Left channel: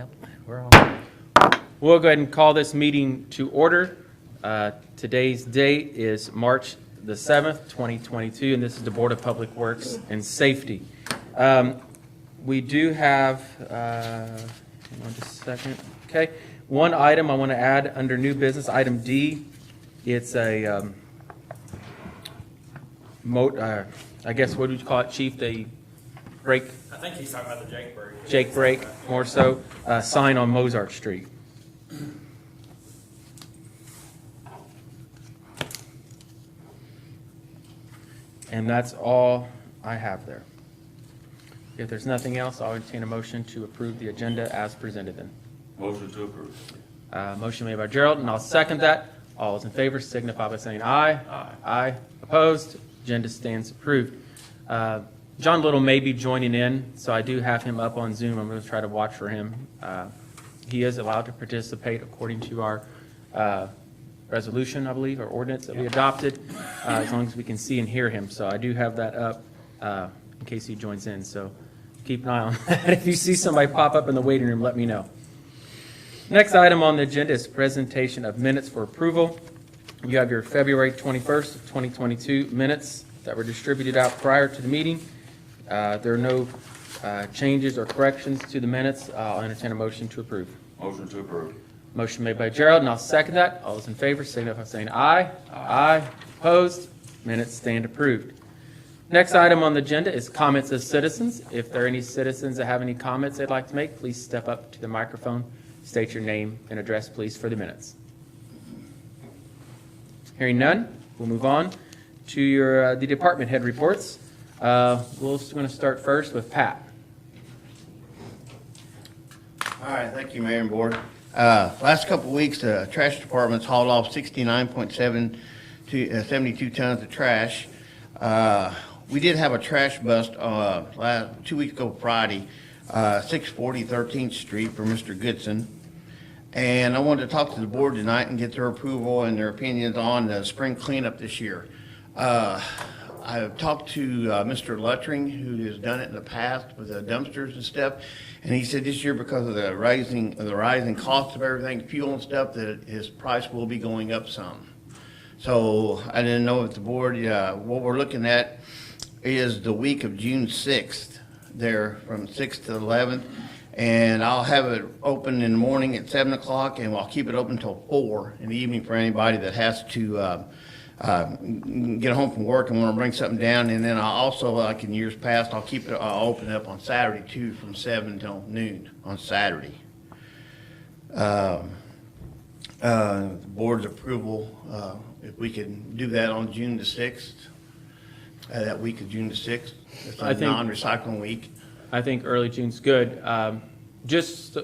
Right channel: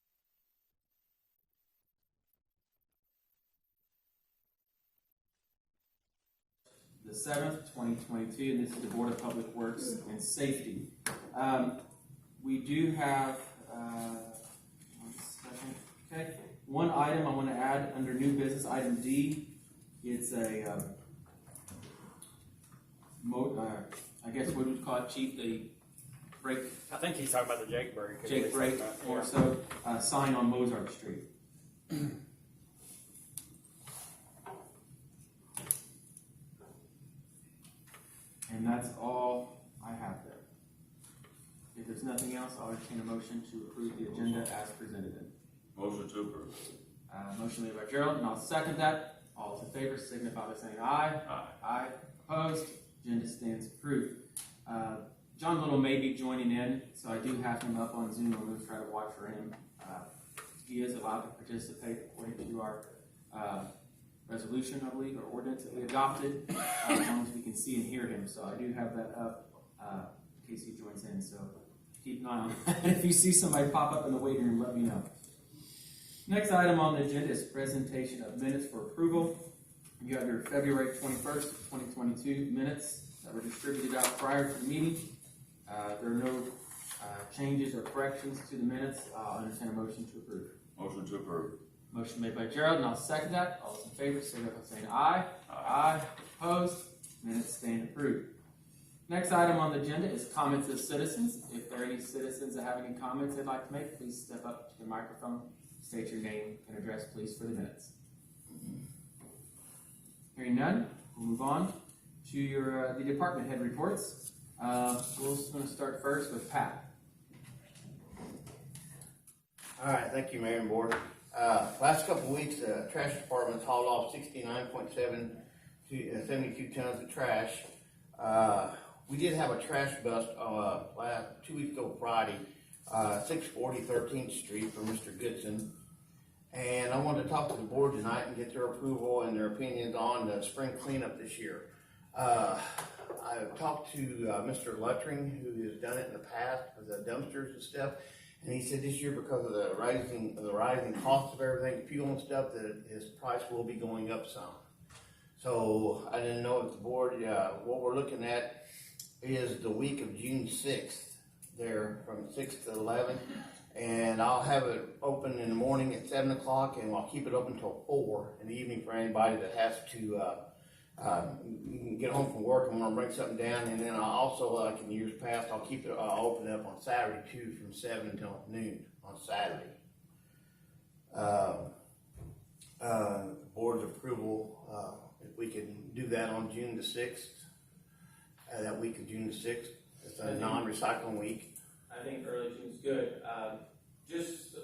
Yep, we're all. We'll go ahead and call this meeting to order. Today's date is March the 7th, 2022, and this is the Board of Public Works and Safety. We do have, hang on just a second. Okay, one item I want to add under new business, item D. It's a, I guess, what would you call it, Chief? The break, I think he's talking about the Jake break. Jake break, more so, sign on Mozart Street. And that's all I have there. If there's nothing else, I'll entertain a motion to approve the agenda as presented then. Motion to approve. Motion made by Gerald, and I'll second that. All those in favor signify by saying aye. Aye. Aye. Opposed? Agenda stands approved. John Little may be joining in, so I do have him up on Zoom. I'm going to try to watch for him. He is allowed to participate according to our resolution, I believe, or ordinance that we adopted, as long as we can see and hear him. So I do have that up in case he joins in. So keep an eye on that. If you see somebody pop up in the waiting room, let me know. Next item on the agenda is presentation of minutes for approval. You have your February 21st, 2022 minutes that were distributed out prior to the meeting. There are no changes or corrections to the minutes. I'll entertain a motion to approve. Motion to approve. Motion made by Gerald, and I'll second that. All those in favor signify by saying aye. Aye. Opposed? Minutes stand approved. Next item on the agenda is comments of citizens. If there are any citizens that have any comments they'd like to make, please step up to the microphone, state your name and address, please, for the minutes. Hearing none, we'll move on to your the department head reports. We're going to start first with Pat. All right, thank you, Mayor and Board. Last couple of weeks, the trash department's hauled off 69.7 to 72 tons of trash. We did have a trash bust 2 weeks ago Friday, 640 13th Street for Mr. Goodson. And I wanted to talk to the board tonight and get their approval and their opinions on the spring cleanup this year. I've talked to Mr. Luttring, who has done it in the past with the dumpsters and stuff, and he said this year, because of the rising cost of everything, fuel and stuff, that his price will be going up some. So I didn't know if the board, what we're looking at is the week of June 6th, there from 6th to 11th, and I'll have it open in the morning at 7 o'clock, and I'll keep it open until 4 in the evening for anybody that has to get home from work and want to bring something down. And then I'll also, like in years past, I'll open it up on Saturday too, from 7 until noon on Saturday. The board's approval, if we can do that on June the 6th, that week of June the 6th, it's a non-recycling week. I think early June's good. Just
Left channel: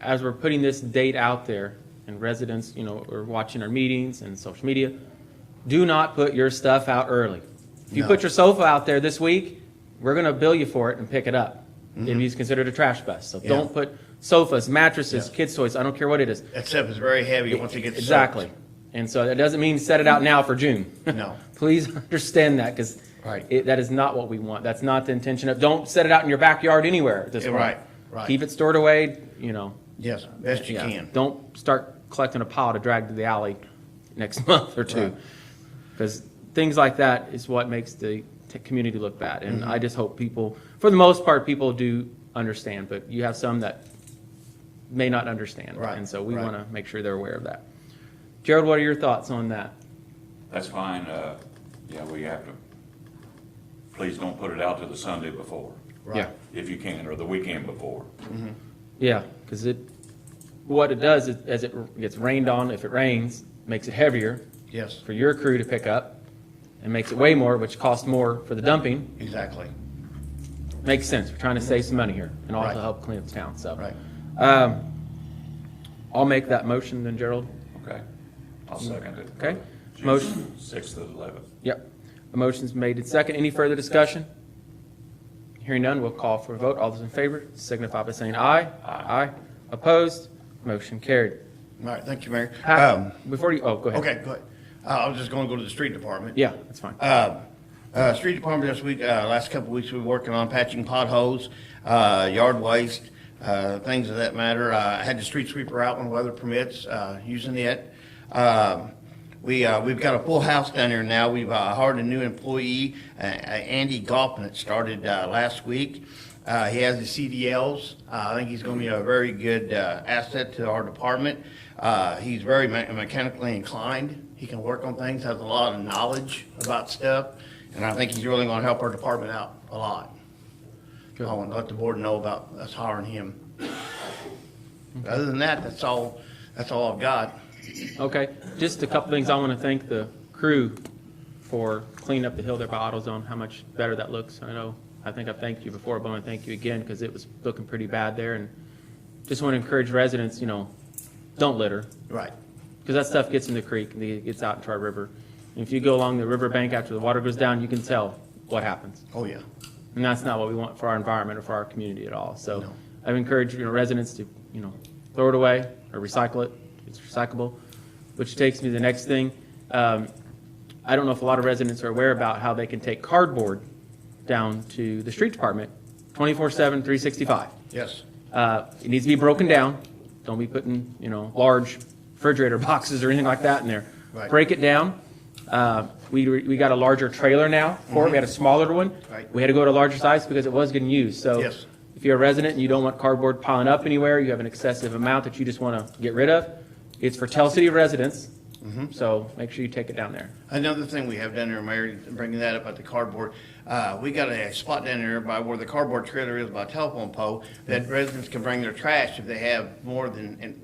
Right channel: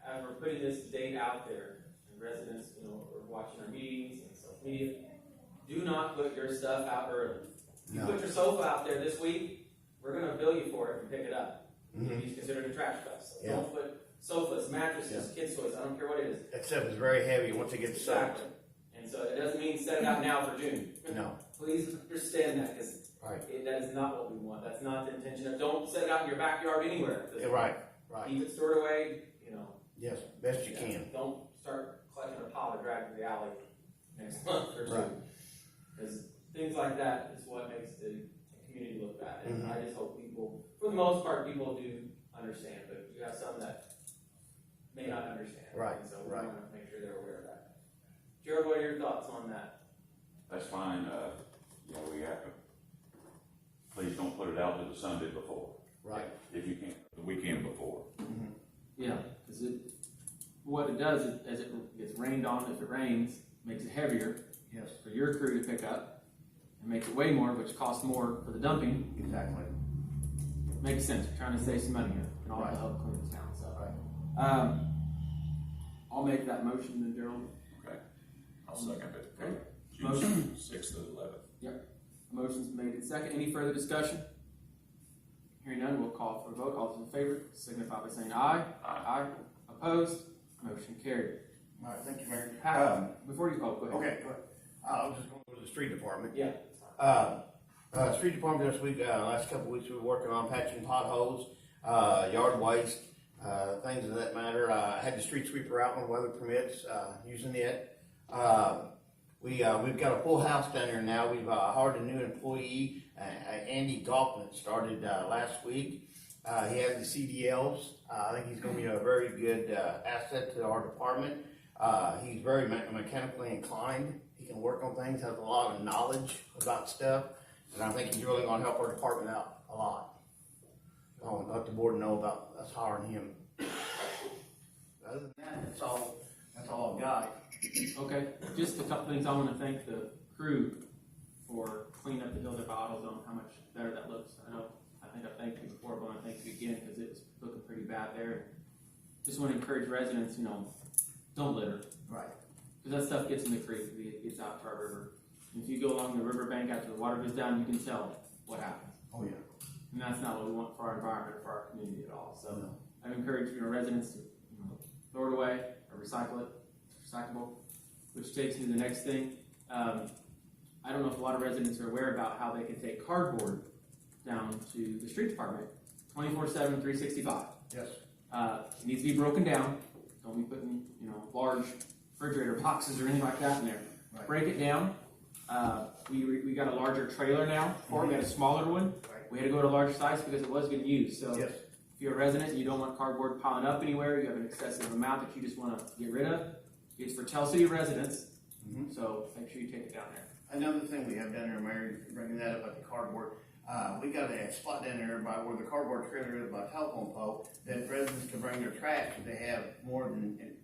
as we're putting this date out there, and residents, are watching our meetings and social media, do not put your stuff out early. If you put your sofa out there this week, we're going to bill you for it and pick it up. If it's considered a trash bust. So don't put sofas, mattresses, kids' toys, I don't care what it is. That stuff is very heavy once it gets soaked. Exactly. And so that doesn't mean set it out now for June. No. Please understand that, because Right. that is not what we want. That's not the intention of, don't set it out in your backyard anywhere at this point. Right. Keep it stored away, Yes, best you Yeah. can. Don't start collecting a pile to drag to the alley next month or two. Right. Because things like that is what makes the community look bad. And Mm-hmm. I just hope people, for the most part, people do understand. But you have some that may not understand. Right, And so we right. want to make sure they're aware of that. Gerald, what are your thoughts on that? That's fine. Yeah, we have to, please don't put it out to the Sunday before, Right. if you can, or the weekend before. Yeah, because what it does is, as it gets rained on, if it rains, makes it heavier Yes, for your crew to pick up, and makes it way more, which costs more for the dumping. exactly. Makes sense. We're trying to save some money here and also Right. help clean up the town. So, Right. I'll make that motion then, Gerald. Okay? I'll second it. Okay. June Motion. 6th to the 11th. Yep. The motion's made and second. Any further discussion? Hearing none, we'll call for a vote. All those in favor signify by saying aye. Aye. Opposed? Motion carried. All right, thank you, Mayor. Before you, go ahead. Okay, go ahead. I was just gonna go to the street department. Yeah, that's fine. Street department this week, last couple of weeks, we were working on patching potholes, yard waste, things of that matter. I had the street sweeper out when weather permits, using it. We've got a full house down there now. We've hired a new employee, Andy Goffman, that started last week. He has the CDLs. I think he's going to be a very good asset to our department. He's very mechanically inclined. He can work on things, has a lot of knowledge about stuff, and I think he's really going to help our department out a lot. I want to let the board know about us hiring him. Other than that, that's all I've got. Okay, just a couple things. I want to thank the crew for cleaning up the hill there by AutoZone, how much better that looks. I think I've thanked you before, but I want to thank you again because it was looking pretty bad there. And just want to encourage residents, don't litter, Right. because that stuff gets in the creek, and it gets out into our river. And if you go along the riverbank after the water goes down, you can tell what happens. Oh, yeah. And that's not what we want for our environment or for our community at all. So No. I've encouraged, residents to, throw it away or recycle it. It's recyclable, which takes me to the next thing. I don't know if a lot of residents are aware about how they can take cardboard down to the street department 24/7, 365. Yes. It needs to be broken down. Don't be putting, large refrigerator boxes or anything like that in there. Right. Break it down. We got a larger trailer now for it. We had a smaller one. Right. We had to go to a larger size because it was getting used. So Yes. if you're a resident and you don't want cardboard piling up anywhere, you have an excessive amount that you just want to get rid of, it's for Tell City residents. So make sure you take it down there. Another thing we have down there, Mayor, bringing that up about the cardboard, we got a spot down there by where the cardboard trailer is by a telephone pole that residents can bring their trash if they have more than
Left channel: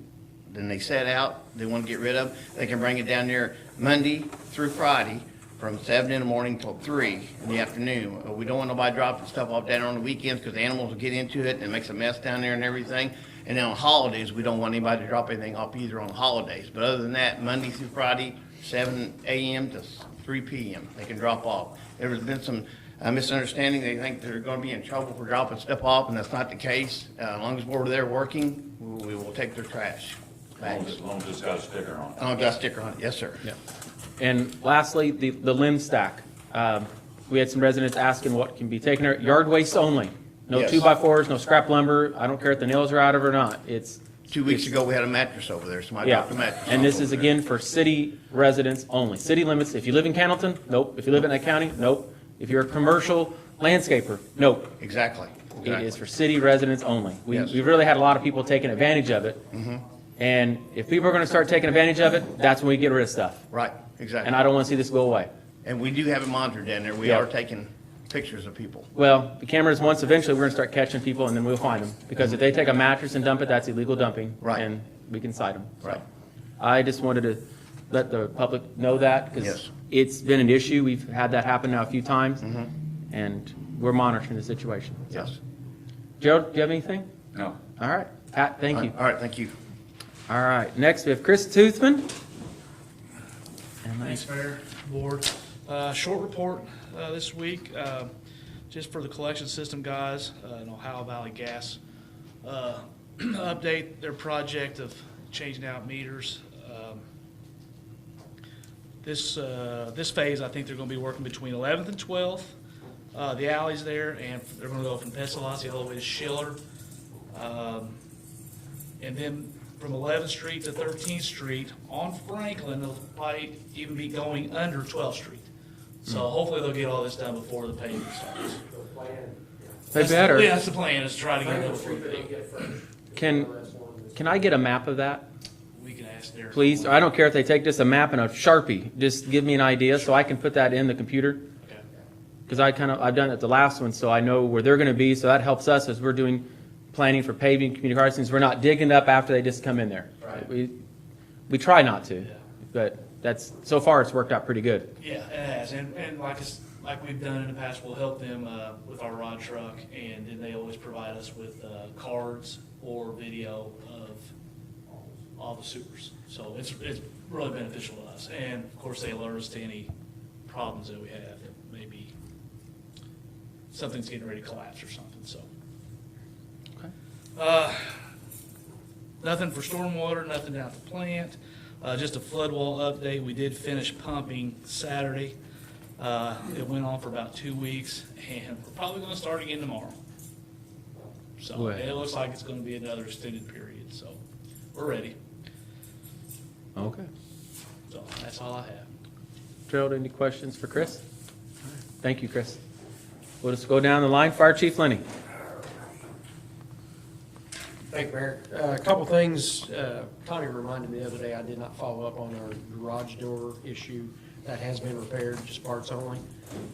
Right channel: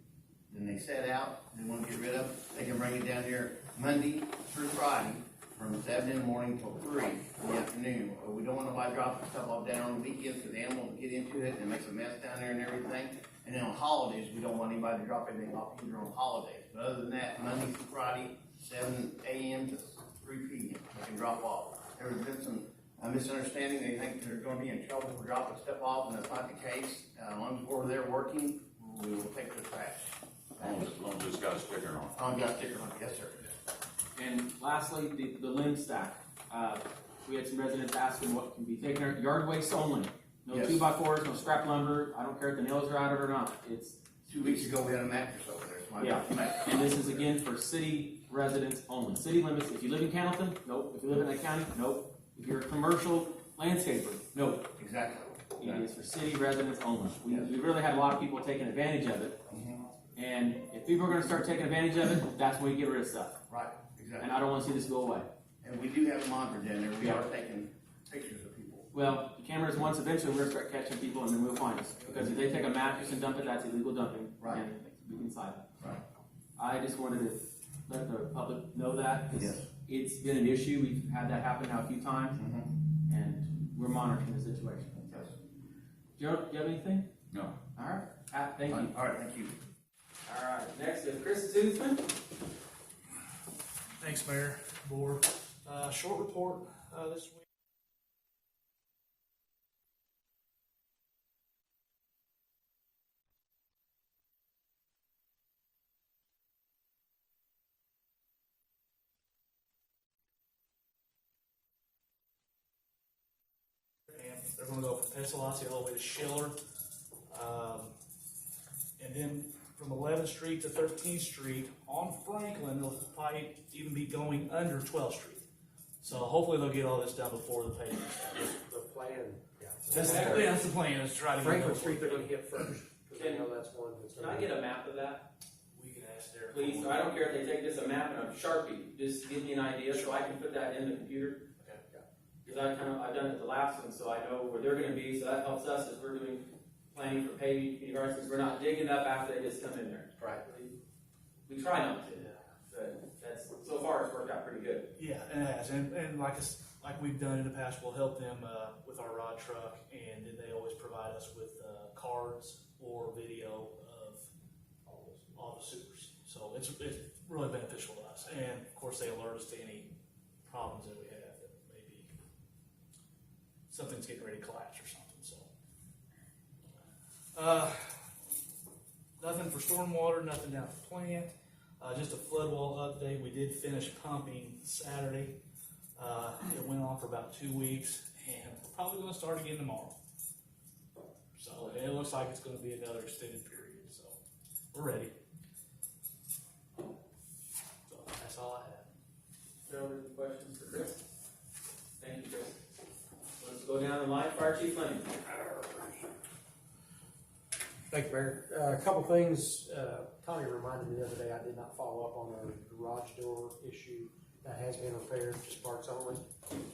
they set out, they want to get rid of. They can bring it down there Monday through Friday from 7 in the morning till 3 in the afternoon. We don't want nobody dropping stuff off down there on the weekends because the animals will get into it and it makes a mess down there and everything. And then on holidays, we don't want anybody to drop anything off either on holidays. But other than that, Monday through Friday, 7 a.m. to 3 p.m., they can drop off. There's been some misunderstanding. They think they're going to be in trouble for dropping stuff off, and that's not the case. As long as we're there working, we will take their trash. As long as it's got a sticker on it. Oh, got a sticker on it. Yes, sir. Yeah. And lastly, the limb stack. We had some residents asking what can be taken there. Yard waste only. No Yes. 2x4s, no scrap lumber. I don't care if the nails are out of it or not. 2 weeks ago, we had a mattress over there. Somebody Yeah, dropped a mattress. and this is again for city residents only. City limits, if you live in Cannleton, nope. If you live in that county, nope. If you're a commercial landscaper, nope. Exactly. It is for city residents only. Yes. We really had a lot of people taking advantage of it. And if people are gonna start taking advantage of it, that's when we get rid of stuff. Right, exactly. And I don't wanna see this go away. And we do have it monitored down there. We Yeah. are taking pictures of people. Well, the cameras, once eventually, we're gonna start catching people and then we'll find them. Because if they take a mattress and dump it, that's illegal dumping. Right. And we can cite them. Right. I just wanted to let the public know that, because Yes. it's been an issue. We've had that happen now a few times, and we're monitoring the situation. So. Yes. Joe, do you have anything? No. All right. Pat, thank you. All right, thank you. All right, next we have Chris Toothman. Thanks, Mayor, Board. Short report this week, just for the collection system guys in Ohio Valley Gas. Update their project of changing out meters. This phase, I think they're gonna be working between 11th and 12th. The alleys there, and they're gonna go from Pestalozzi all the way to Schiller. And then from 11th Street to 13th Street on Franklin, they'll probably even be going under 12th Street. So hopefully they'll get all this done before the paving starts. The plan, yeah. They better. Yeah, that's the plan, is try to get Franklin those. Street, they're gonna get first. Can- That's one that's- Can I get a map of that, We can ask there. please? I don't care if they take just a map and a Sharpie. Just give me an idea so I can put that in the computer. Okay. Because I've done it the last one, so I know where they're gonna be, so that helps us as we're doing planning for paving, community crossings. We're not digging it up after they just come in there. Right. We try not to, Yeah. but so far it's worked out pretty good. Yeah, it has, and like we've done in the past, we'll help them with our rod truck, and then they always provide us with cards or video of all the sewers. So it's really beneficial to us, and of course, they alert us to any problems that we have, that maybe something's getting ready to collapse or something, so. Nothing for stormwater, nothing out the plant, just a flood wall update. We did finish pumping Saturday. It went on for about 2 weeks, and we're probably gonna start again tomorrow. So, Right. and it looks like it's gonna be another extended period, so we're ready. Okay. So that's all I have. Gerald, any questions for Chris? Thank you, Chris. We'll just go down the line. Fire Chief Lenny. Thank you, Mayor. A couple things, Tony reminded me the other day, I did not follow up on our garage door issue. That has been repaired, just parts only.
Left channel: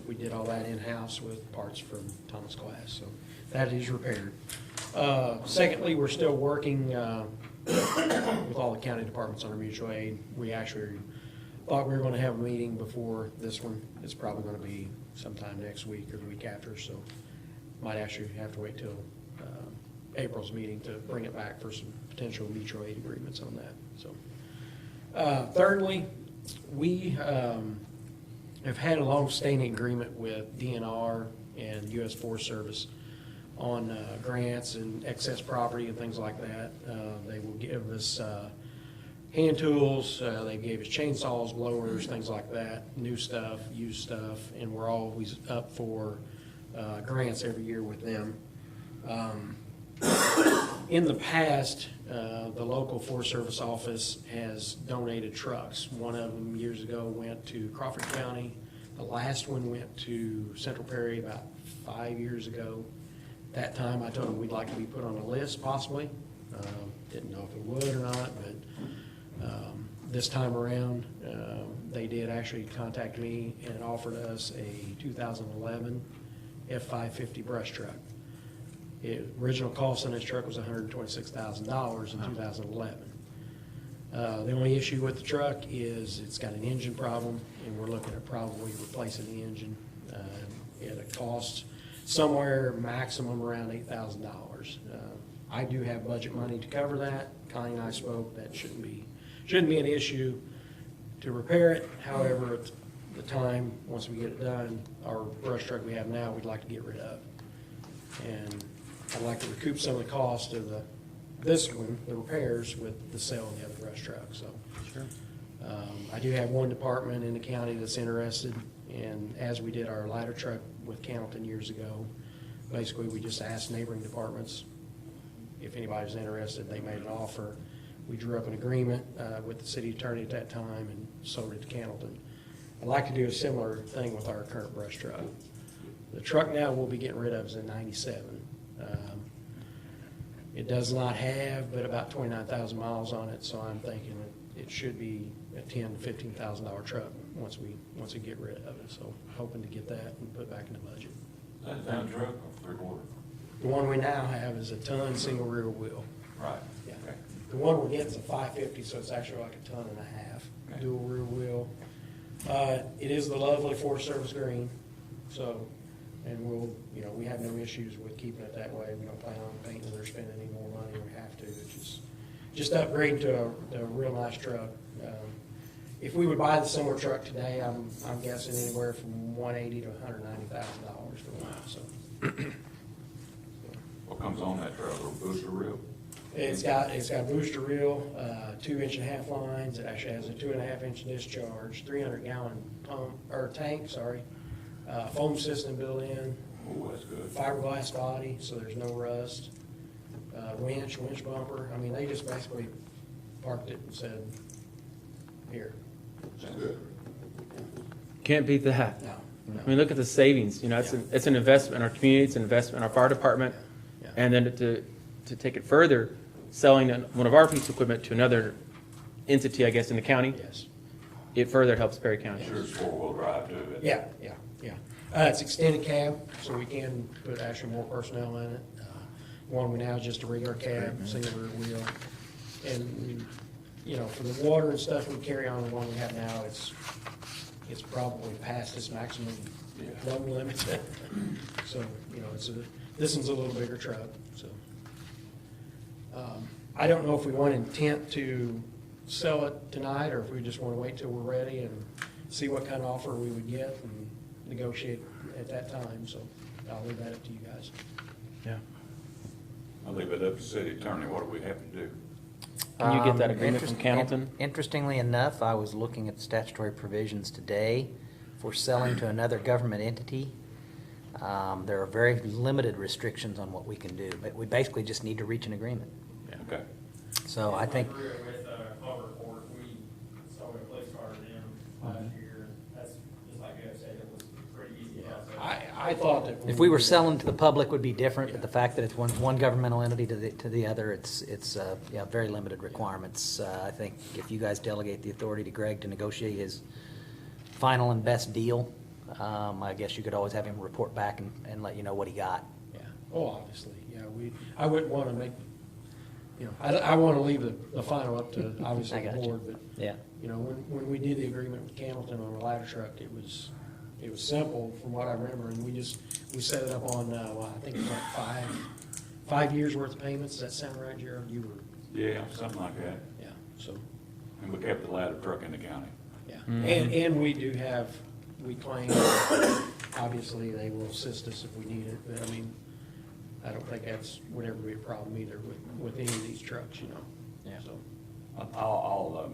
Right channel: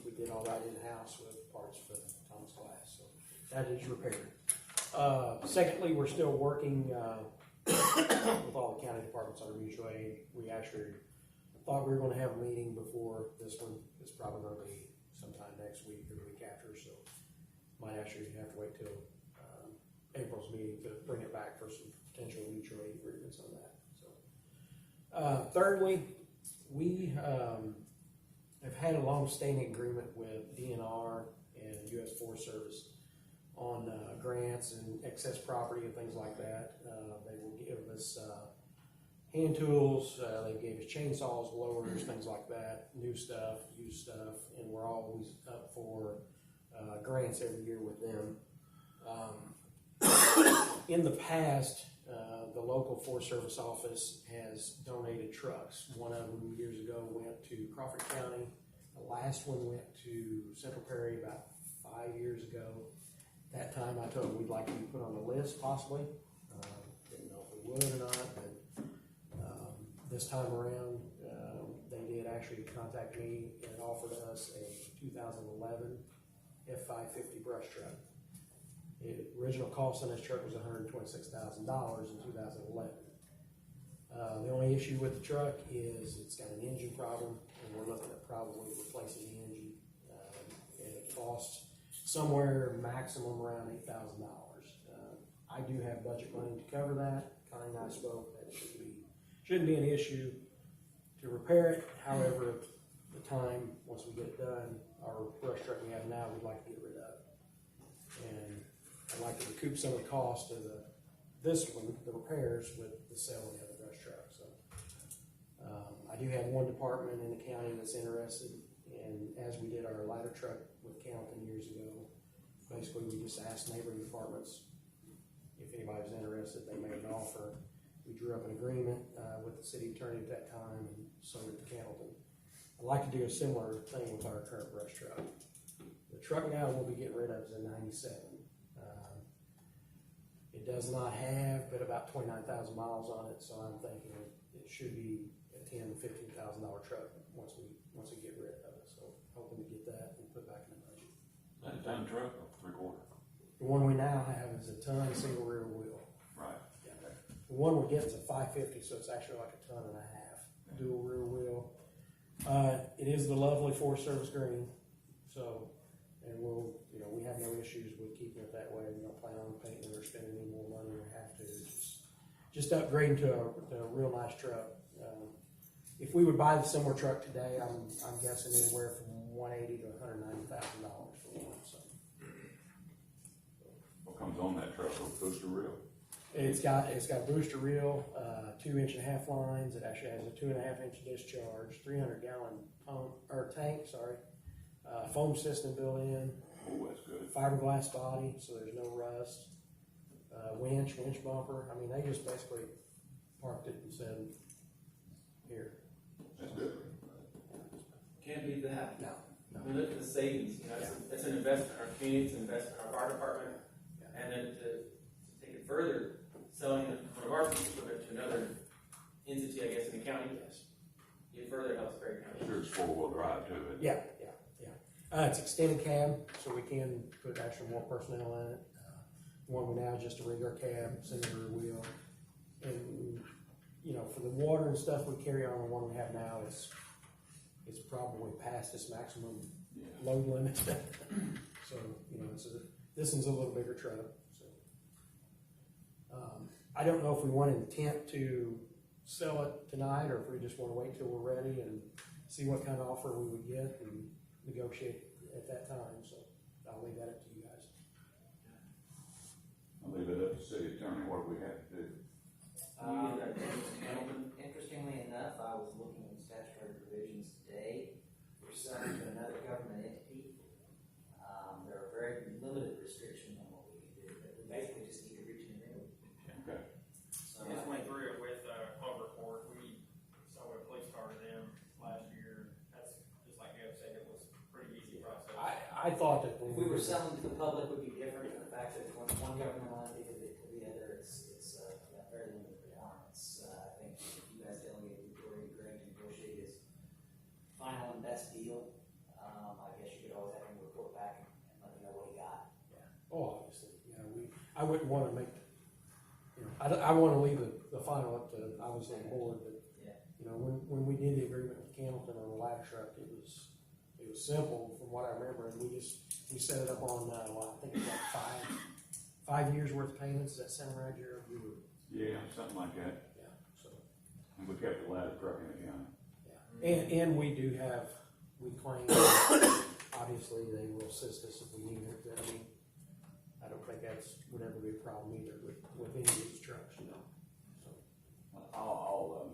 We did all that in-house with parts from Thomas Glass, so that is repaired. Secondly, we're still working with all the county departments under mutual aid. We actually thought we were gonna have a meeting before this one. It's probably gonna be sometime next week or the week after, so might actually have to wait till April's meeting to bring it back for some potential mutual aid agreements on that, so. Thirdly, we have had a long-standing agreement with DNR and US Forest Service on grants and excess property and things like that. They will give us hand tools, they gave us chainsaws, blowers, things like that, new stuff, used stuff, and we're always up for grants every year with them. In the past, the local Forest Service office has donated trucks. One of them years ago went to Crawford County. The last one went to Central Perry about 5 years ago. That time I told them we'd like to be put on a list possibly. Didn't know if we would or not, but this time around, they did actually contact me and offered us a 2011 F550 brush truck. Original cost on this truck was $126,000 in 2011. The only issue with the truck is it's got an engine problem, and we're looking at probably replacing the engine at a cost somewhere maximum around $8,000. I do have budget money to cover that. Connie and I spoke, that shouldn't be an issue to repair it. However, at the time, once we get it done, our brush truck we have now, we'd like to get rid of. And I'd like to recoup some of the cost of this one, the repairs, with the sale of the other brush truck, so. Sure. I do have one department in the county that's interested, and as we did our ladder truck with Cannleton years ago, basically we just asked neighboring departments if anybody was interested. They made an offer. We drew up an agreement with the city attorney at that time and sold it to Cannleton. I'd like to do a similar thing with our current brush truck. The truck now we'll be getting rid of is in '97. It does not have but about 29,000 miles on it, so I'm thinking it should be a $10,000 to $15,000 truck once we get rid of it. So hoping to get that and put back in the budget. That's a ton truck or 3/4? The one we now have is a ton single rear wheel. Right. Yeah. The one we're getting is a 550, so it's actually like a ton and a half, Okay. dual rear wheel. It is the lovely Forest Service green, so, and we have no issues with keeping it that way. We don't plan on painting or spending any more money than we have to. It's just upgrade to a real nice truck. If we would buy the similar truck today, I'm guessing anywhere from $180,000 to $190,000 for one, so. What comes on that truck, a booster reel? It's got booster reel, 2.5-inch lines. It actually has a 2.5-inch discharge, 300-gallon pump or tank, sorry. Foam system built in, Oh, that's good. fiberglass body, so there's no rust. Winch bumper. I mean, they just basically parked it and said, "Here." That's good. Can't beat that. No. I mean, look at the savings, it's an investment in our community, it's an investment in our fire department. Yeah. And then to take it further, selling one of our piece of equipment to another entity, I guess, in the county, Yes. it further helps Perry County. Sure it's 4-wheel drive too. isn't it? Yeah. It's extended cab, so we can put actually more personnel in it. One we now is just a regular cab, single rear wheel. And for the water and stuff we carry on the one we have now, it's probably past its maximum load limit. So, this one's a little bigger truck, so. I don't know if we want intent to sell it tonight, or if we just wanna wait till we're ready and see what kind of offer we would get and negotiate at that time, so I'll leave that up to you guys. Yeah. I'll leave it up to the city attorney, what do we have to do? Can you get that agreement from Cannleton? Interestingly enough, I was looking at the statutory provisions today for selling to another government entity. There are very limited restrictions on what we can do, but we basically just need to reach an agreement. Okay. So I think, With Harbor Court, we saw a police car to them last year. That's, just like Jeff said, it was pretty easy to have. I thought that. if we were selling to the public would be different, but the fact that it's one governmental entity to the other, it's yeah, very limited requirements. I think if you guys delegate the authority to Greg to negotiate his final and best deal, I guess you could always have him report back and let you know what he got. Yeah, oh, obviously, yeah, I wouldn't want to make, I want to leave the final up to, obviously, I the got you. board, but, Yeah. when we did the agreement with Campbellton on the ladder truck, it was simple from what I remember, and we set it up on, well, I think it was like five years worth of payments. Does that sound right, Gerald? You were, Yeah, something like that. yeah, so, And we kept the ladder truck in the county. yeah. Mhm. And we do have, we claim, obviously, they will assist us if we need it, but I mean, I don't think that's would ever be a problem either with any of these trucks, Yeah. so. I'll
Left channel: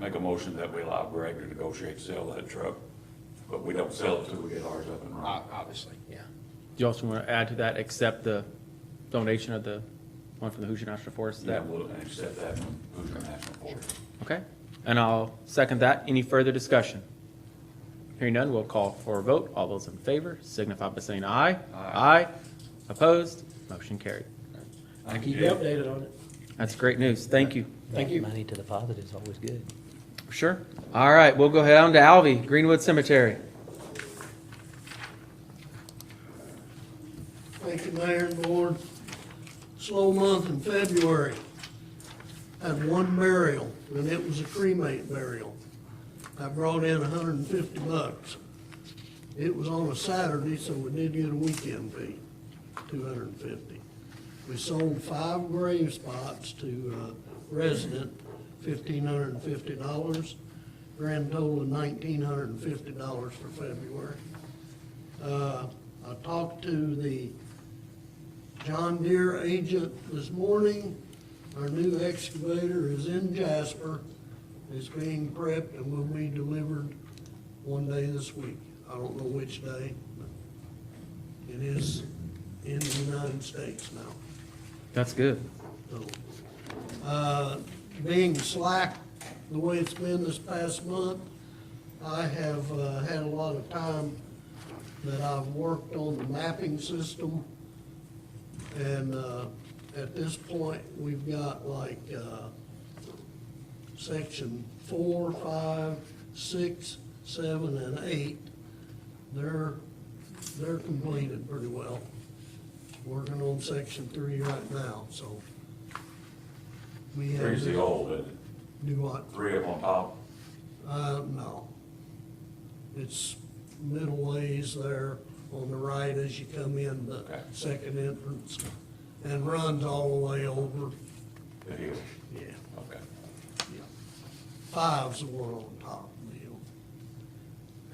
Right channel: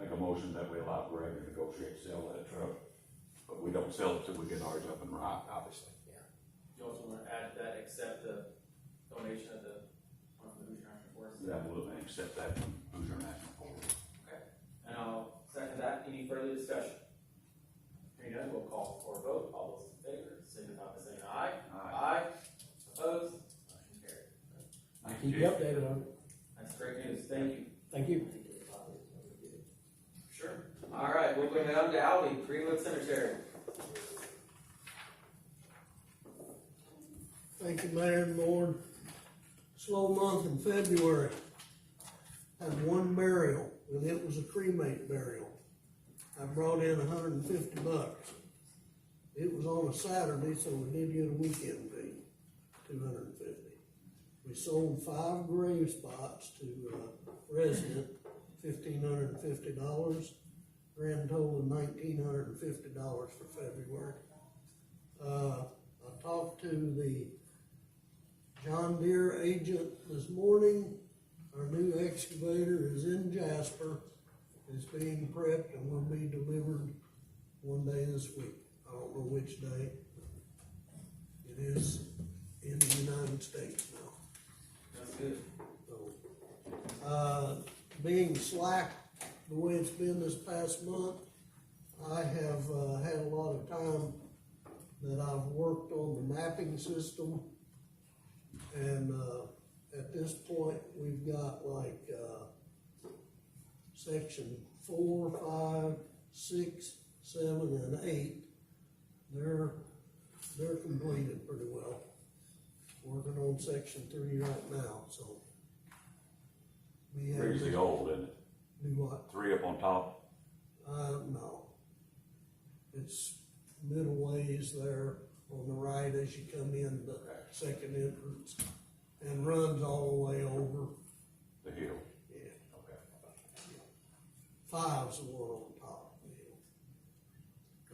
make a motion that we allow Greg to negotiate sell that truck, but we don't sell it till we get ours up and running. Obviously, yeah. Do you also want to add to that, accept the donation of the one from the Hoosier National Forest? Yeah, That we'll accept that from Hoosier National Forest. Okay, and I'll second that. Any further discussion? Hearing none, we'll call for a vote. All those in favor signify by saying aye. Aye. Opposed? Motion carried. I'll keep you updated on it. That's great news. Thank you. Thank you. Money to the positive is always good. Sure. All right, we'll go down to Alvy, Greenwood Cemetery. Thank you, Mayor and Board. Slow month in February. Had one burial, and it was a cremate burial. I brought in $150. It was on a Saturday, so we did get a weekend fee, $250. We sold 5 grave spots to a resident, $1,550. Grand total of $1,950 for February. I talked to the John Deere agent this morning. Our new excavator is in Jasper. It's being prepped and will be delivered one day this week. I don't know which day. It is in the United States now. That's good. So, being slack the way it's been this past month, I have had a lot of time that I've worked on the mapping system. And at this point, we've got like section 4, 5, 6, 7, and 8. They're completed pretty well. Working on section 3 right now, so. We have. Three's the old, isn't it? Do what? 3 up on top. No. It's middle ways there on the right as you come in the Okay. second entrance, and runs all the way over. The hill. Yeah. Okay. 5's the one on top of the hill.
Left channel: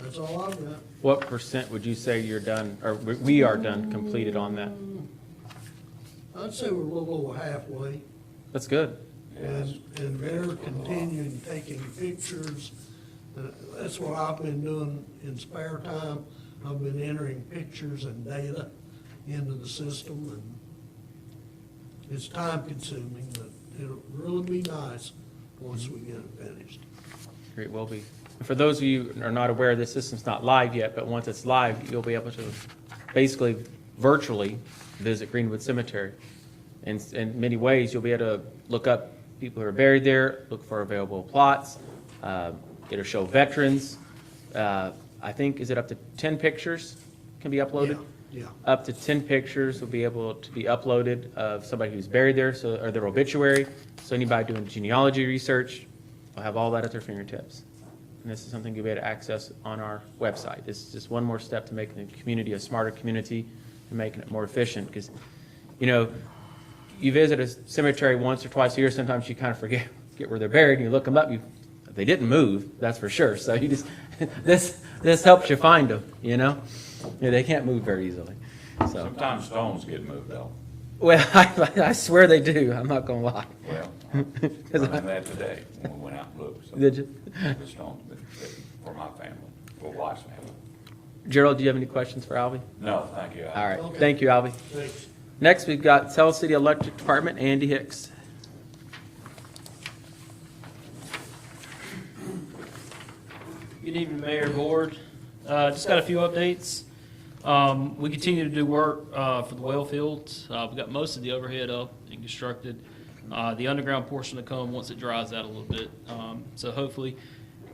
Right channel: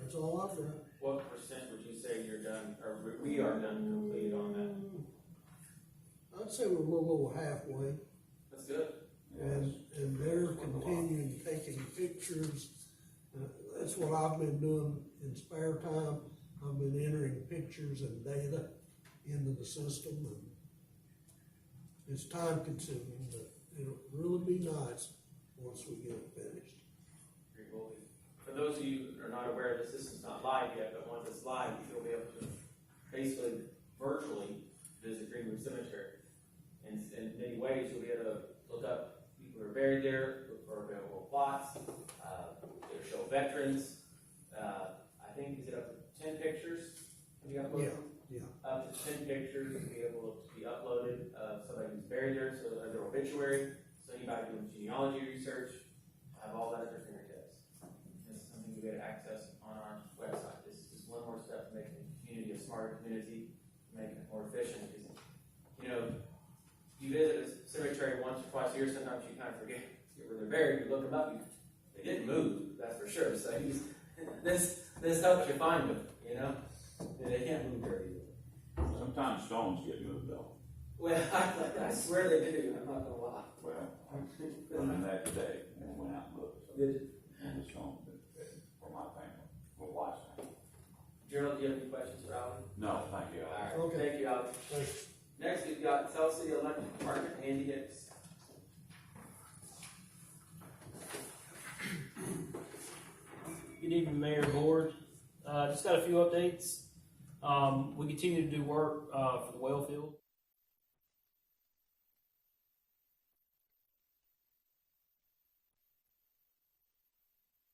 That's all I've got. What percent would you say you're done, or we are done, completed on that? I'd say we're a little over halfway, That's good. and they're continuing taking pictures. That's what I've been doing in spare time. I've been entering pictures and data into the system, and it's time consuming, but it'll really be nice once we get it finished. Great, will be. For those of you who are not aware, the system's not live yet, but once it's live, you'll be able to basically virtually visit Greenwood Cemetery. In many ways, you'll be able to look up people who are buried there, look for available plots. It'll show veterans. I think, is it up to 10 pictures can be uploaded? Yeah. Up to 10 pictures will be able to be uploaded of somebody who's buried there, so, or their obituary. So anybody doing genealogy research will have all that at their fingertips. And this is something you'll be able to access on our website. This is just one more step to making the community a smarter community and making it more efficient. Because, you know, you visit a cemetery once or twice a year, sometimes you kind of forget where they're buried, and you look them up, they didn't move, that's for sure. So you just, this helps you find them, you know? Yeah, they can't move very easily, so. Sometimes stones get moved though. Well, I swear they do, I'm not gonna lie. Well, I learned that today when we went out and looked. So Did you? the stone for my family, for wife's family. Gerald, do you have any questions for Albie? No, thank you. All right, Okay. thank you, Albie. Thanks. Next, we've got Tell City Electric Department, Andy Hicks. Good evening, Mayor and Board. Just got a few updates. We continue to do work for the well fields. We got most of the overhead up and constructed. The underground portion to come once it dries out a little bit. So hopefully,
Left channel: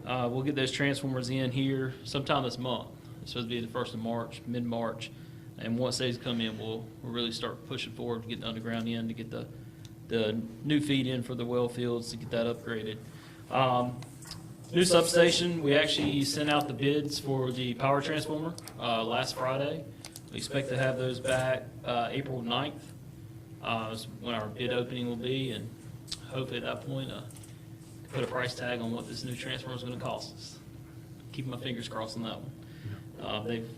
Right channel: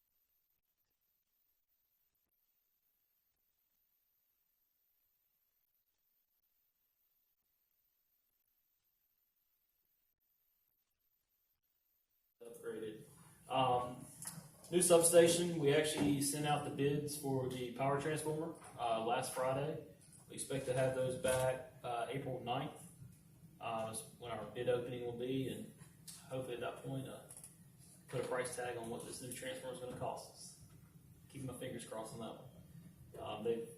we'll get those transformers in here sometime this month. It's supposed to be the 1st of March, mid-March. And once those come in, we'll really start pushing forward to get the underground in, to get the new feed in for the well fields, to get that upgraded. New substation, we actually sent out the bids for the power transformer last Friday. We expect to have those back April 9th, is when our bid opening will be, and hopefully at that point, put a price tag on what this new transformer is going to cost us. Keep my fingers crossed on that one. They've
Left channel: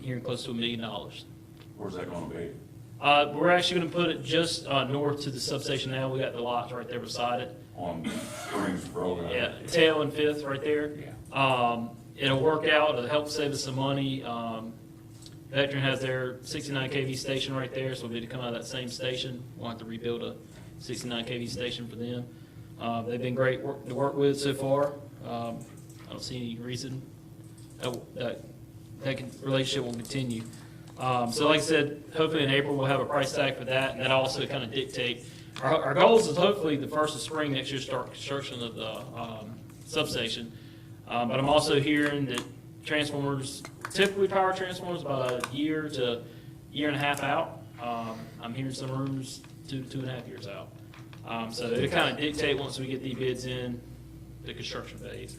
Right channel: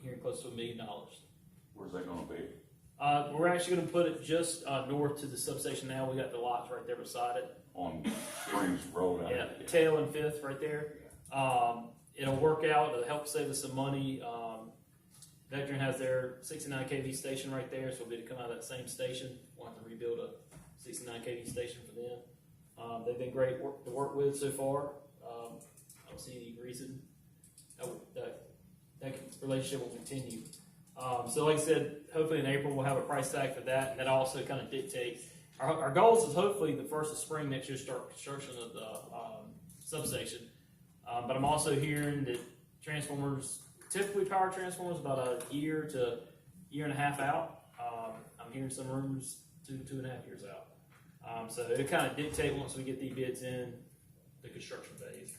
hearing close to $1 million. Where's that gonna be? We're actually going to put it just north to the substation now. We got the lots right there beside it. On Springs Road? Yeah, Tail and Fifth right there. Yeah. It'll work out, it'll help save us some money. Vectren has their 69 kV station right there, so we'll be able to come out of that same station. We'll have to rebuild a 69 kV station for them. They've been great to work with so far. I don't see any reason that relationship will continue. So like I said, hopefully in April we'll have a price tag for that, and that also kind of dictate. Our goals is hopefully the 1st of spring next year start construction of the substation. But I'm also hearing that transformers, typically power transformers, about a year to year and a half out. I'm hearing some rumors 2.5 years out. So it kind of dictate once we get the bids in the construction phase.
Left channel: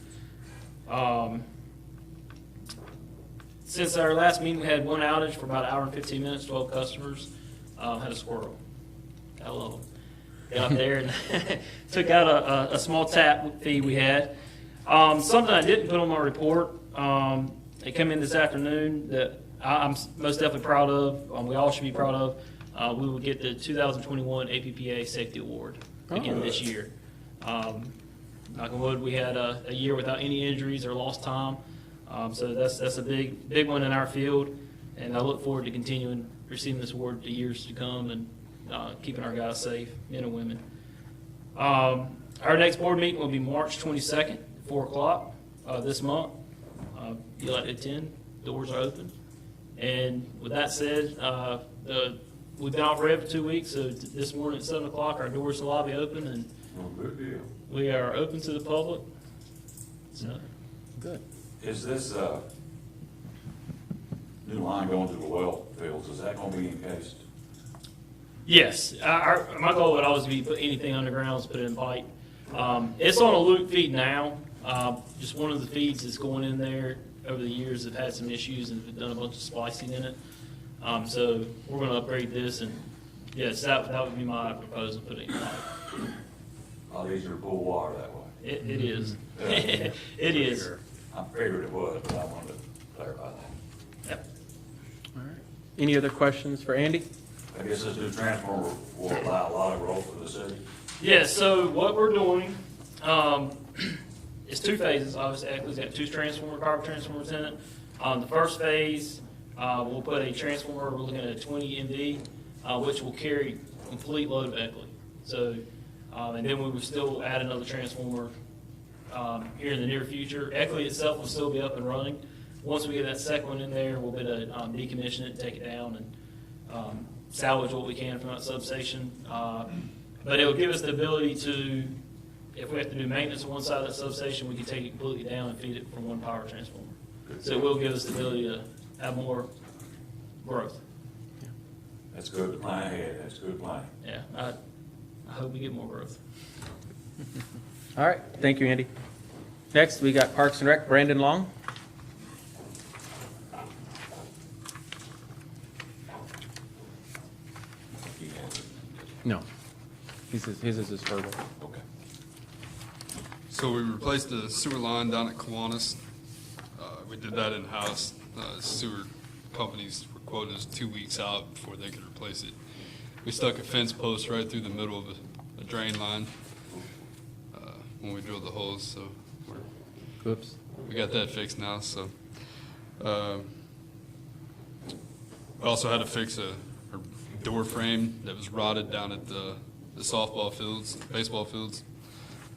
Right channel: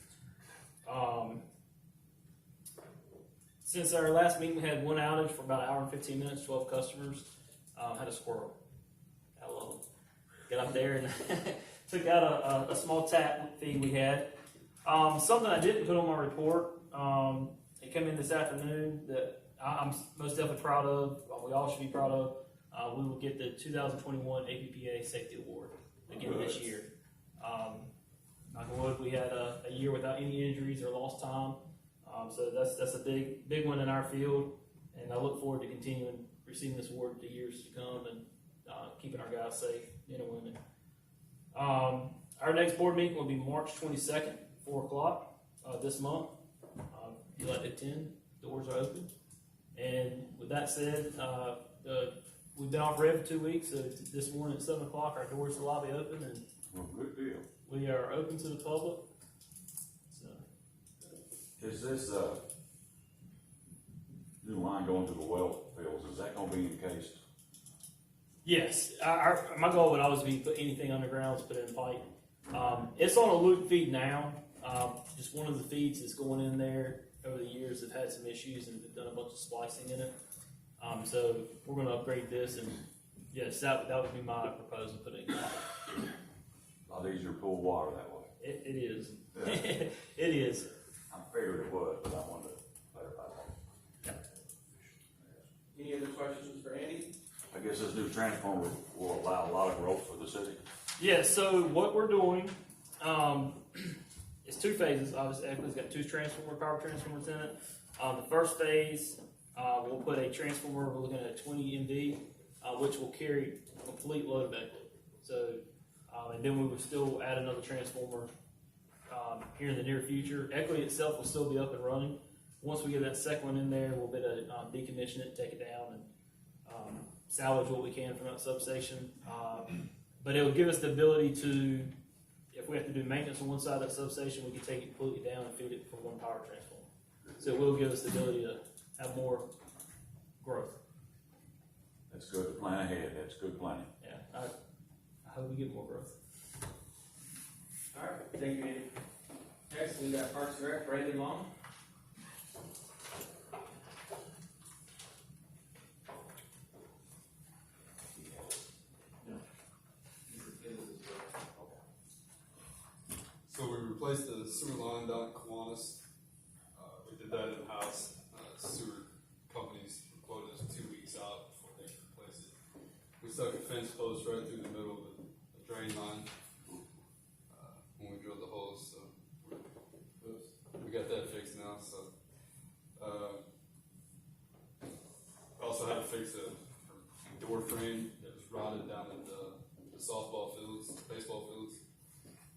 Since our last meeting, we had one outage for about an hour and 15 minutes, 12 customers. Had a squirrel. I love them. Got out there and took out a small tap fee we had. Something I didn't put on my report, it came in this afternoon that I'm most definitely proud of, we all should be proud of. We will get the 2021 APPA Safety Award again this year. Knock on wood, we had a year without any injuries or lost time. So that's a big one in our field, and I look forward to continuing receiving this award the years to come and keeping our guys safe, men and women. Our next board meeting will be March 22nd, 4 o'clock this month. If you'd like to attend, doors are open. And with that said, we've been out red for 2 weeks, so this morning at 7 o'clock, our doors to the lobby open, and Well, good deal. we are open to the public. So, Good. Is this, new line going to the well fields, is that gonna be encased? yes, my goal would always be put anything underground, is put it in pipe. It's on a loop feed now. Just one of the feeds that's going in there over the years have had some issues and have done a bunch of splicing in it. So we're going to upgrade this, and yes, that would be my proposal, putting it in pipe. A lot easier to pull water that way. It is. Yeah. It is. I figured it was, but I wanted to clarify that. Yep. All right. Any other questions for Andy? I guess this new transformer will allow a lot of growth for the city. Yeah, so what we're doing is 2 phases. Obviously, Echo's got 2 power transformers in it. The first phase, we'll put a transformer, we're looking at a 20 MV, which will carry complete load of Eckley. So, and then we will still add another transformer here in the near future. Eckley itself will still be up and running. Once we get that second one in there, we'll be able to decommission it, take it down, and salvage what we can from that substation. But it will give us the ability to, if we have to do maintenance on one side of that substation, we can take it completely down and feed it from one power transformer. So it will give us the ability to have more growth. That's good plan ahead, that's good plan. Yeah, I hope we get more growth. All right, thank you, Andy. Next, we got Parks and Rec, Brandon Long. No, his is his verbal. Okay. So we replaced the sewer line down at Kiwanis. We did that in-house. Sewer companies were quoting us 2 weeks out before they could replace it. We stuck a fence post right through the middle of a drain line when we drilled the holes, so Oops. we got that fixed now. So We also had to fix a door frame that was rotted down at the softball fields, baseball fields,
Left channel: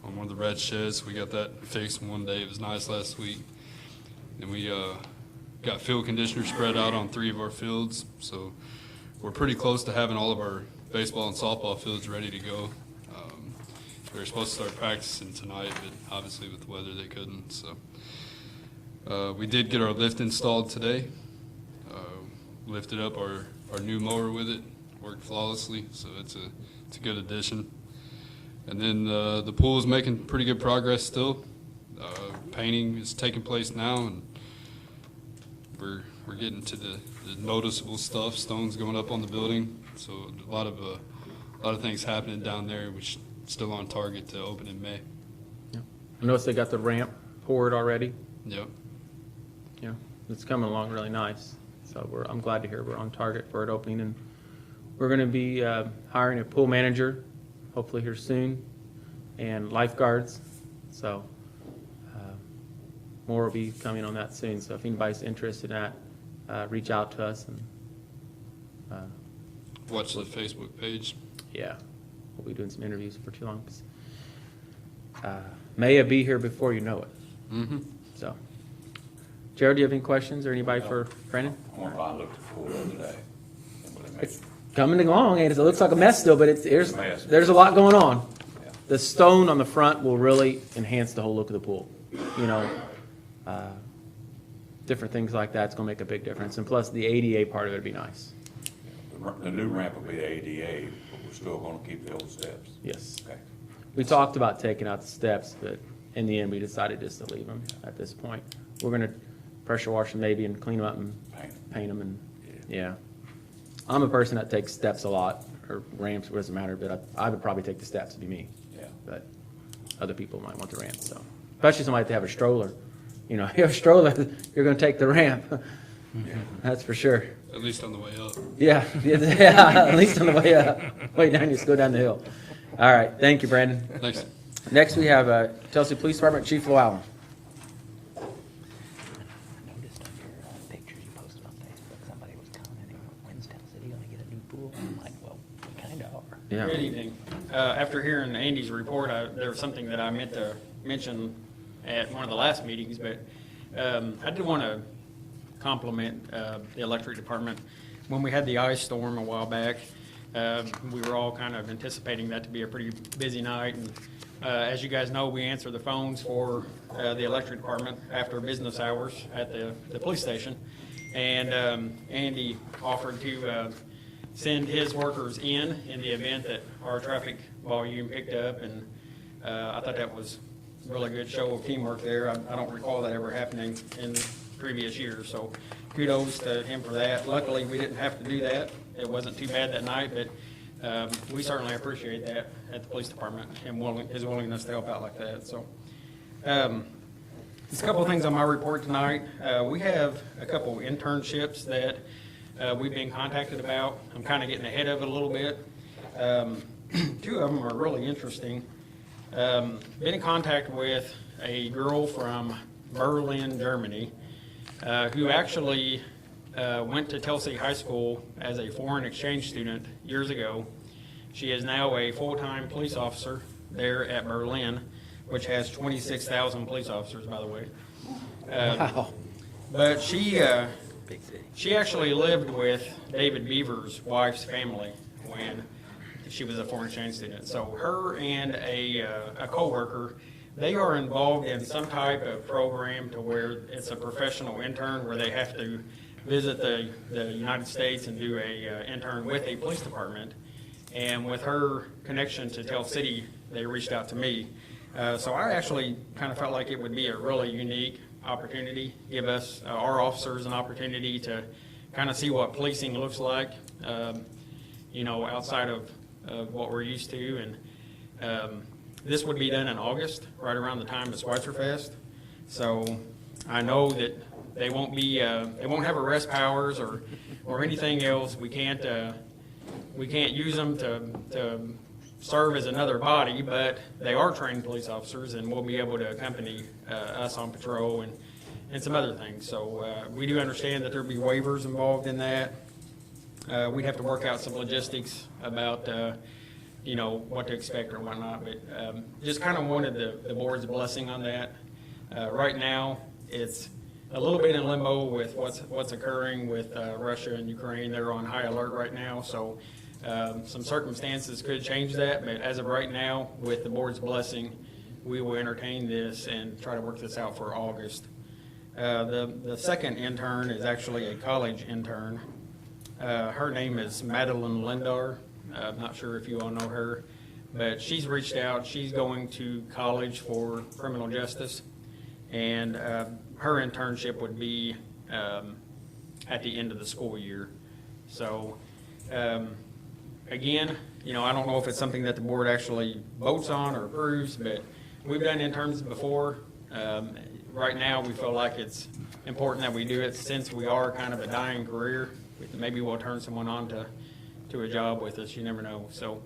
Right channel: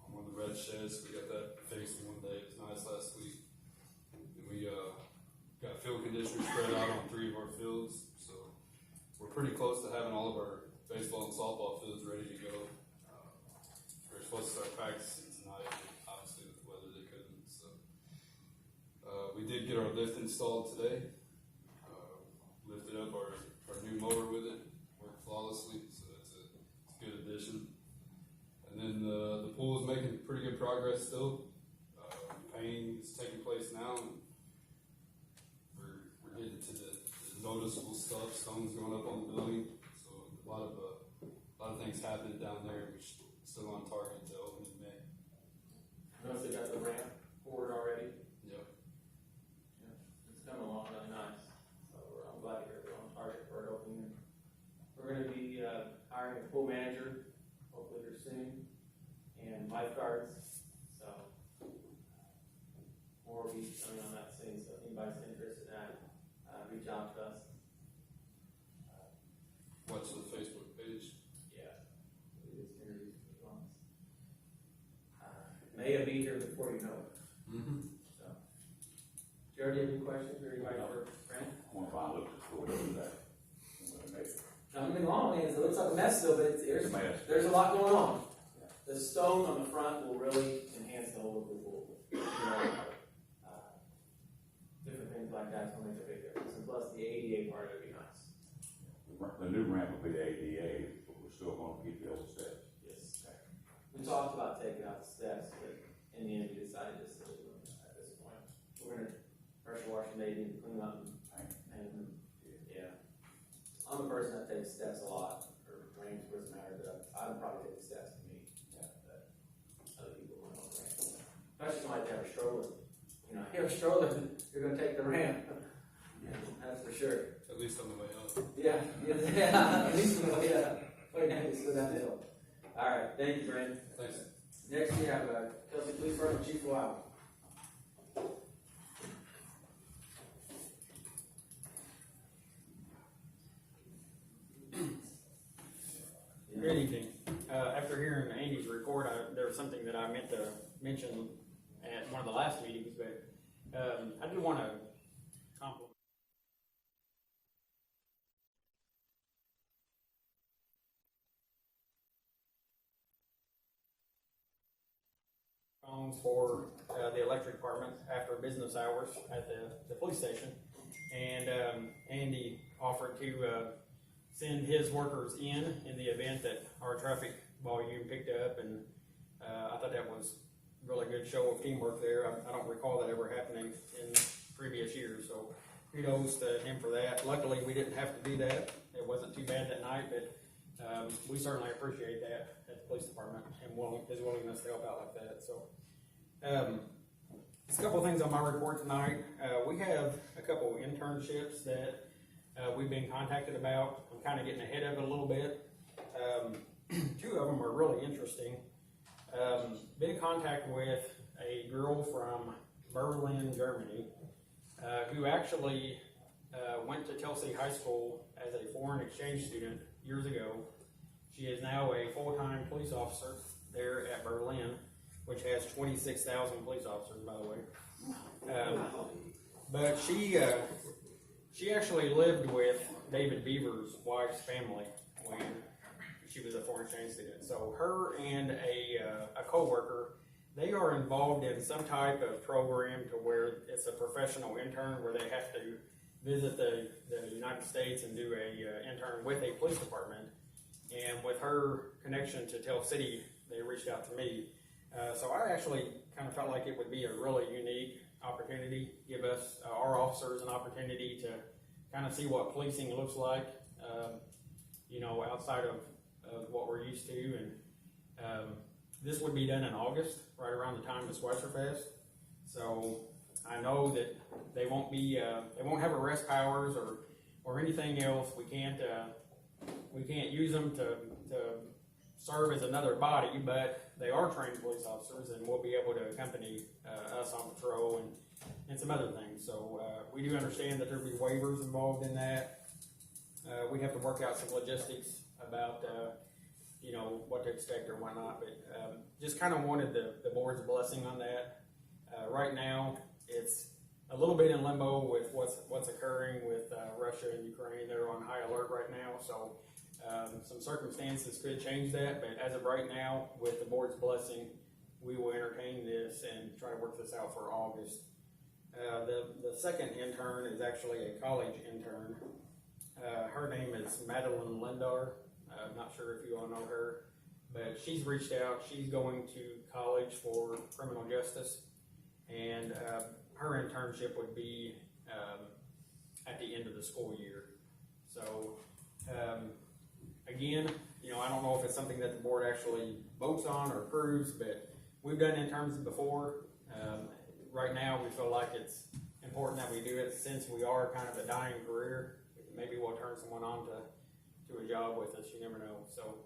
on one of the red sheds. We got that fixed in one day. It was nice last week. And we got field conditioner spread out on 3 of our fields. So we're pretty close to having all of our baseball and softball fields ready to go. They were supposed to start practicing tonight, but obviously with the weather they couldn't. So we did get our lift installed today. Lifted up our new mower with it, worked flawlessly, so it's a good addition. And then the pool is making pretty good progress still. Painting is taking place now, and we're getting to the noticeable stuff. Stones going up on the building, so a lot of things happening down there, which still on target to open in May. I noticed they got the ramp poured already. Yep. Yeah, it's coming along really nice. So I'm glad to hear we're on target for it opening, and we're going to be hiring a pool manager, hopefully here soon, and lifeguards. So more will be coming on that soon. So if anybody's interested in that, reach out to us. And Watch the Facebook page. yeah, we'll be doing some interviews for too long. May be here before you know it. Mm-hmm. So, Jared, do you have any questions or anybody for Brandon? I wonder why I looked at the other day. It's coming along, and it looks like a mess still, but Mess. there's a lot going on. The stone on the front will really enhance the whole look of the pool. You know, different things like that's gonna make a big difference, and plus the ADA part of it would be nice. The new ramp will be ADA, but we're still gonna keep the old steps. Yes. Okay. We talked about taking out the steps, but in the end, we decided just to leave them at this point. We're gonna pressure wash them maybe and clean them up and paint them, and, yeah. I'm a person that takes steps a lot, or ramps, it doesn't matter, but I would probably take the steps, it'd be me. Yeah. But other people might want the ramp, so. Especially somebody that have a stroller. You know, if you have a stroller, you're gonna take the ramp. That's for sure. At least on the way up. Yeah, yeah, at least on the way up. Way down, you just go down the hill. All right, thank you, Brandon. Thanks. Next, we have Chelsea Police Department Chief Llewellyn. I noticed on your pictures you posted on Facebook, somebody was commenting, when's Tell City gonna get a new pool? I'm like, well, we kinda are. Yeah. Good evening. After hearing Andy's report, there was something that I meant to mention at one of the last meetings, but I did want to compliment the electric department. When we had the ice storm a while back, we were all kind of anticipating that to be a pretty busy night. And as you guys know, we answer the phones for the electric department after business hours at the police station. And Andy offered to send his workers in the event that our traffic volume picked up, and I thought that was a really good show of teamwork there. I don't recall that ever happening in previous years, so kudos to him for that. Luckily, we didn't have to do that. It wasn't too bad that night, but we certainly appreciate that at the police department and his willingness to help out like that. So, just a couple of things on my report tonight. We have a couple of internships that we've been contacted about. I'm kind of getting ahead of it a little bit. 2 of them are really interesting. Been in contact with a girl from Berlin, Germany, who actually went to Tell City High School as a foreign exchange student years ago. She is now a full-time police officer there at Berlin, which has 26,000 police officers, by the way. Wow. But she actually lived with David Beaver's wife's family when she was a foreign exchange student. So her and a coworker, they are involved in some type of program to where it's a professional intern where they have to visit the United States and do a intern with a police department. And with her connection to Tell City, they reached out to me. So I actually kind of felt like it would be a really unique opportunity, give us, our officers, an opportunity to kind of see what policing looks like, you know, outside of what we're used to. And this would be done in August, right around the time of Schweitzer Fest. So I know that they won't have arrest powers or anything else. We can't use them to serve as another body, but they are trained police officers, and will be able to accompany us on patrol and some other things. So we do understand that there'll be waivers involved in that. We'd have to work out some logistics about, what to expect or whatnot, but just kind of wanted the board's blessing on that. Right now, it's a little bit in limbo with what's occurring with Russia and Ukraine. They're on high alert right now, so some circumstances could change that, but as of right now, with the board's blessing, we will entertain this and try to work this out for August. The second intern is actually a college intern. Her name is Madeline Lindar. I'm not sure if you all know her, but she's reached out. She's going to college for criminal justice, and her internship would be at the end of the school year. So, again, I don't know if it's something that the board actually votes on or approves, but we've done interns before. Right now, we feel like it's important that we do it since we are kind of a dying career. Maybe we'll turn someone on to a job with us, you never know. So,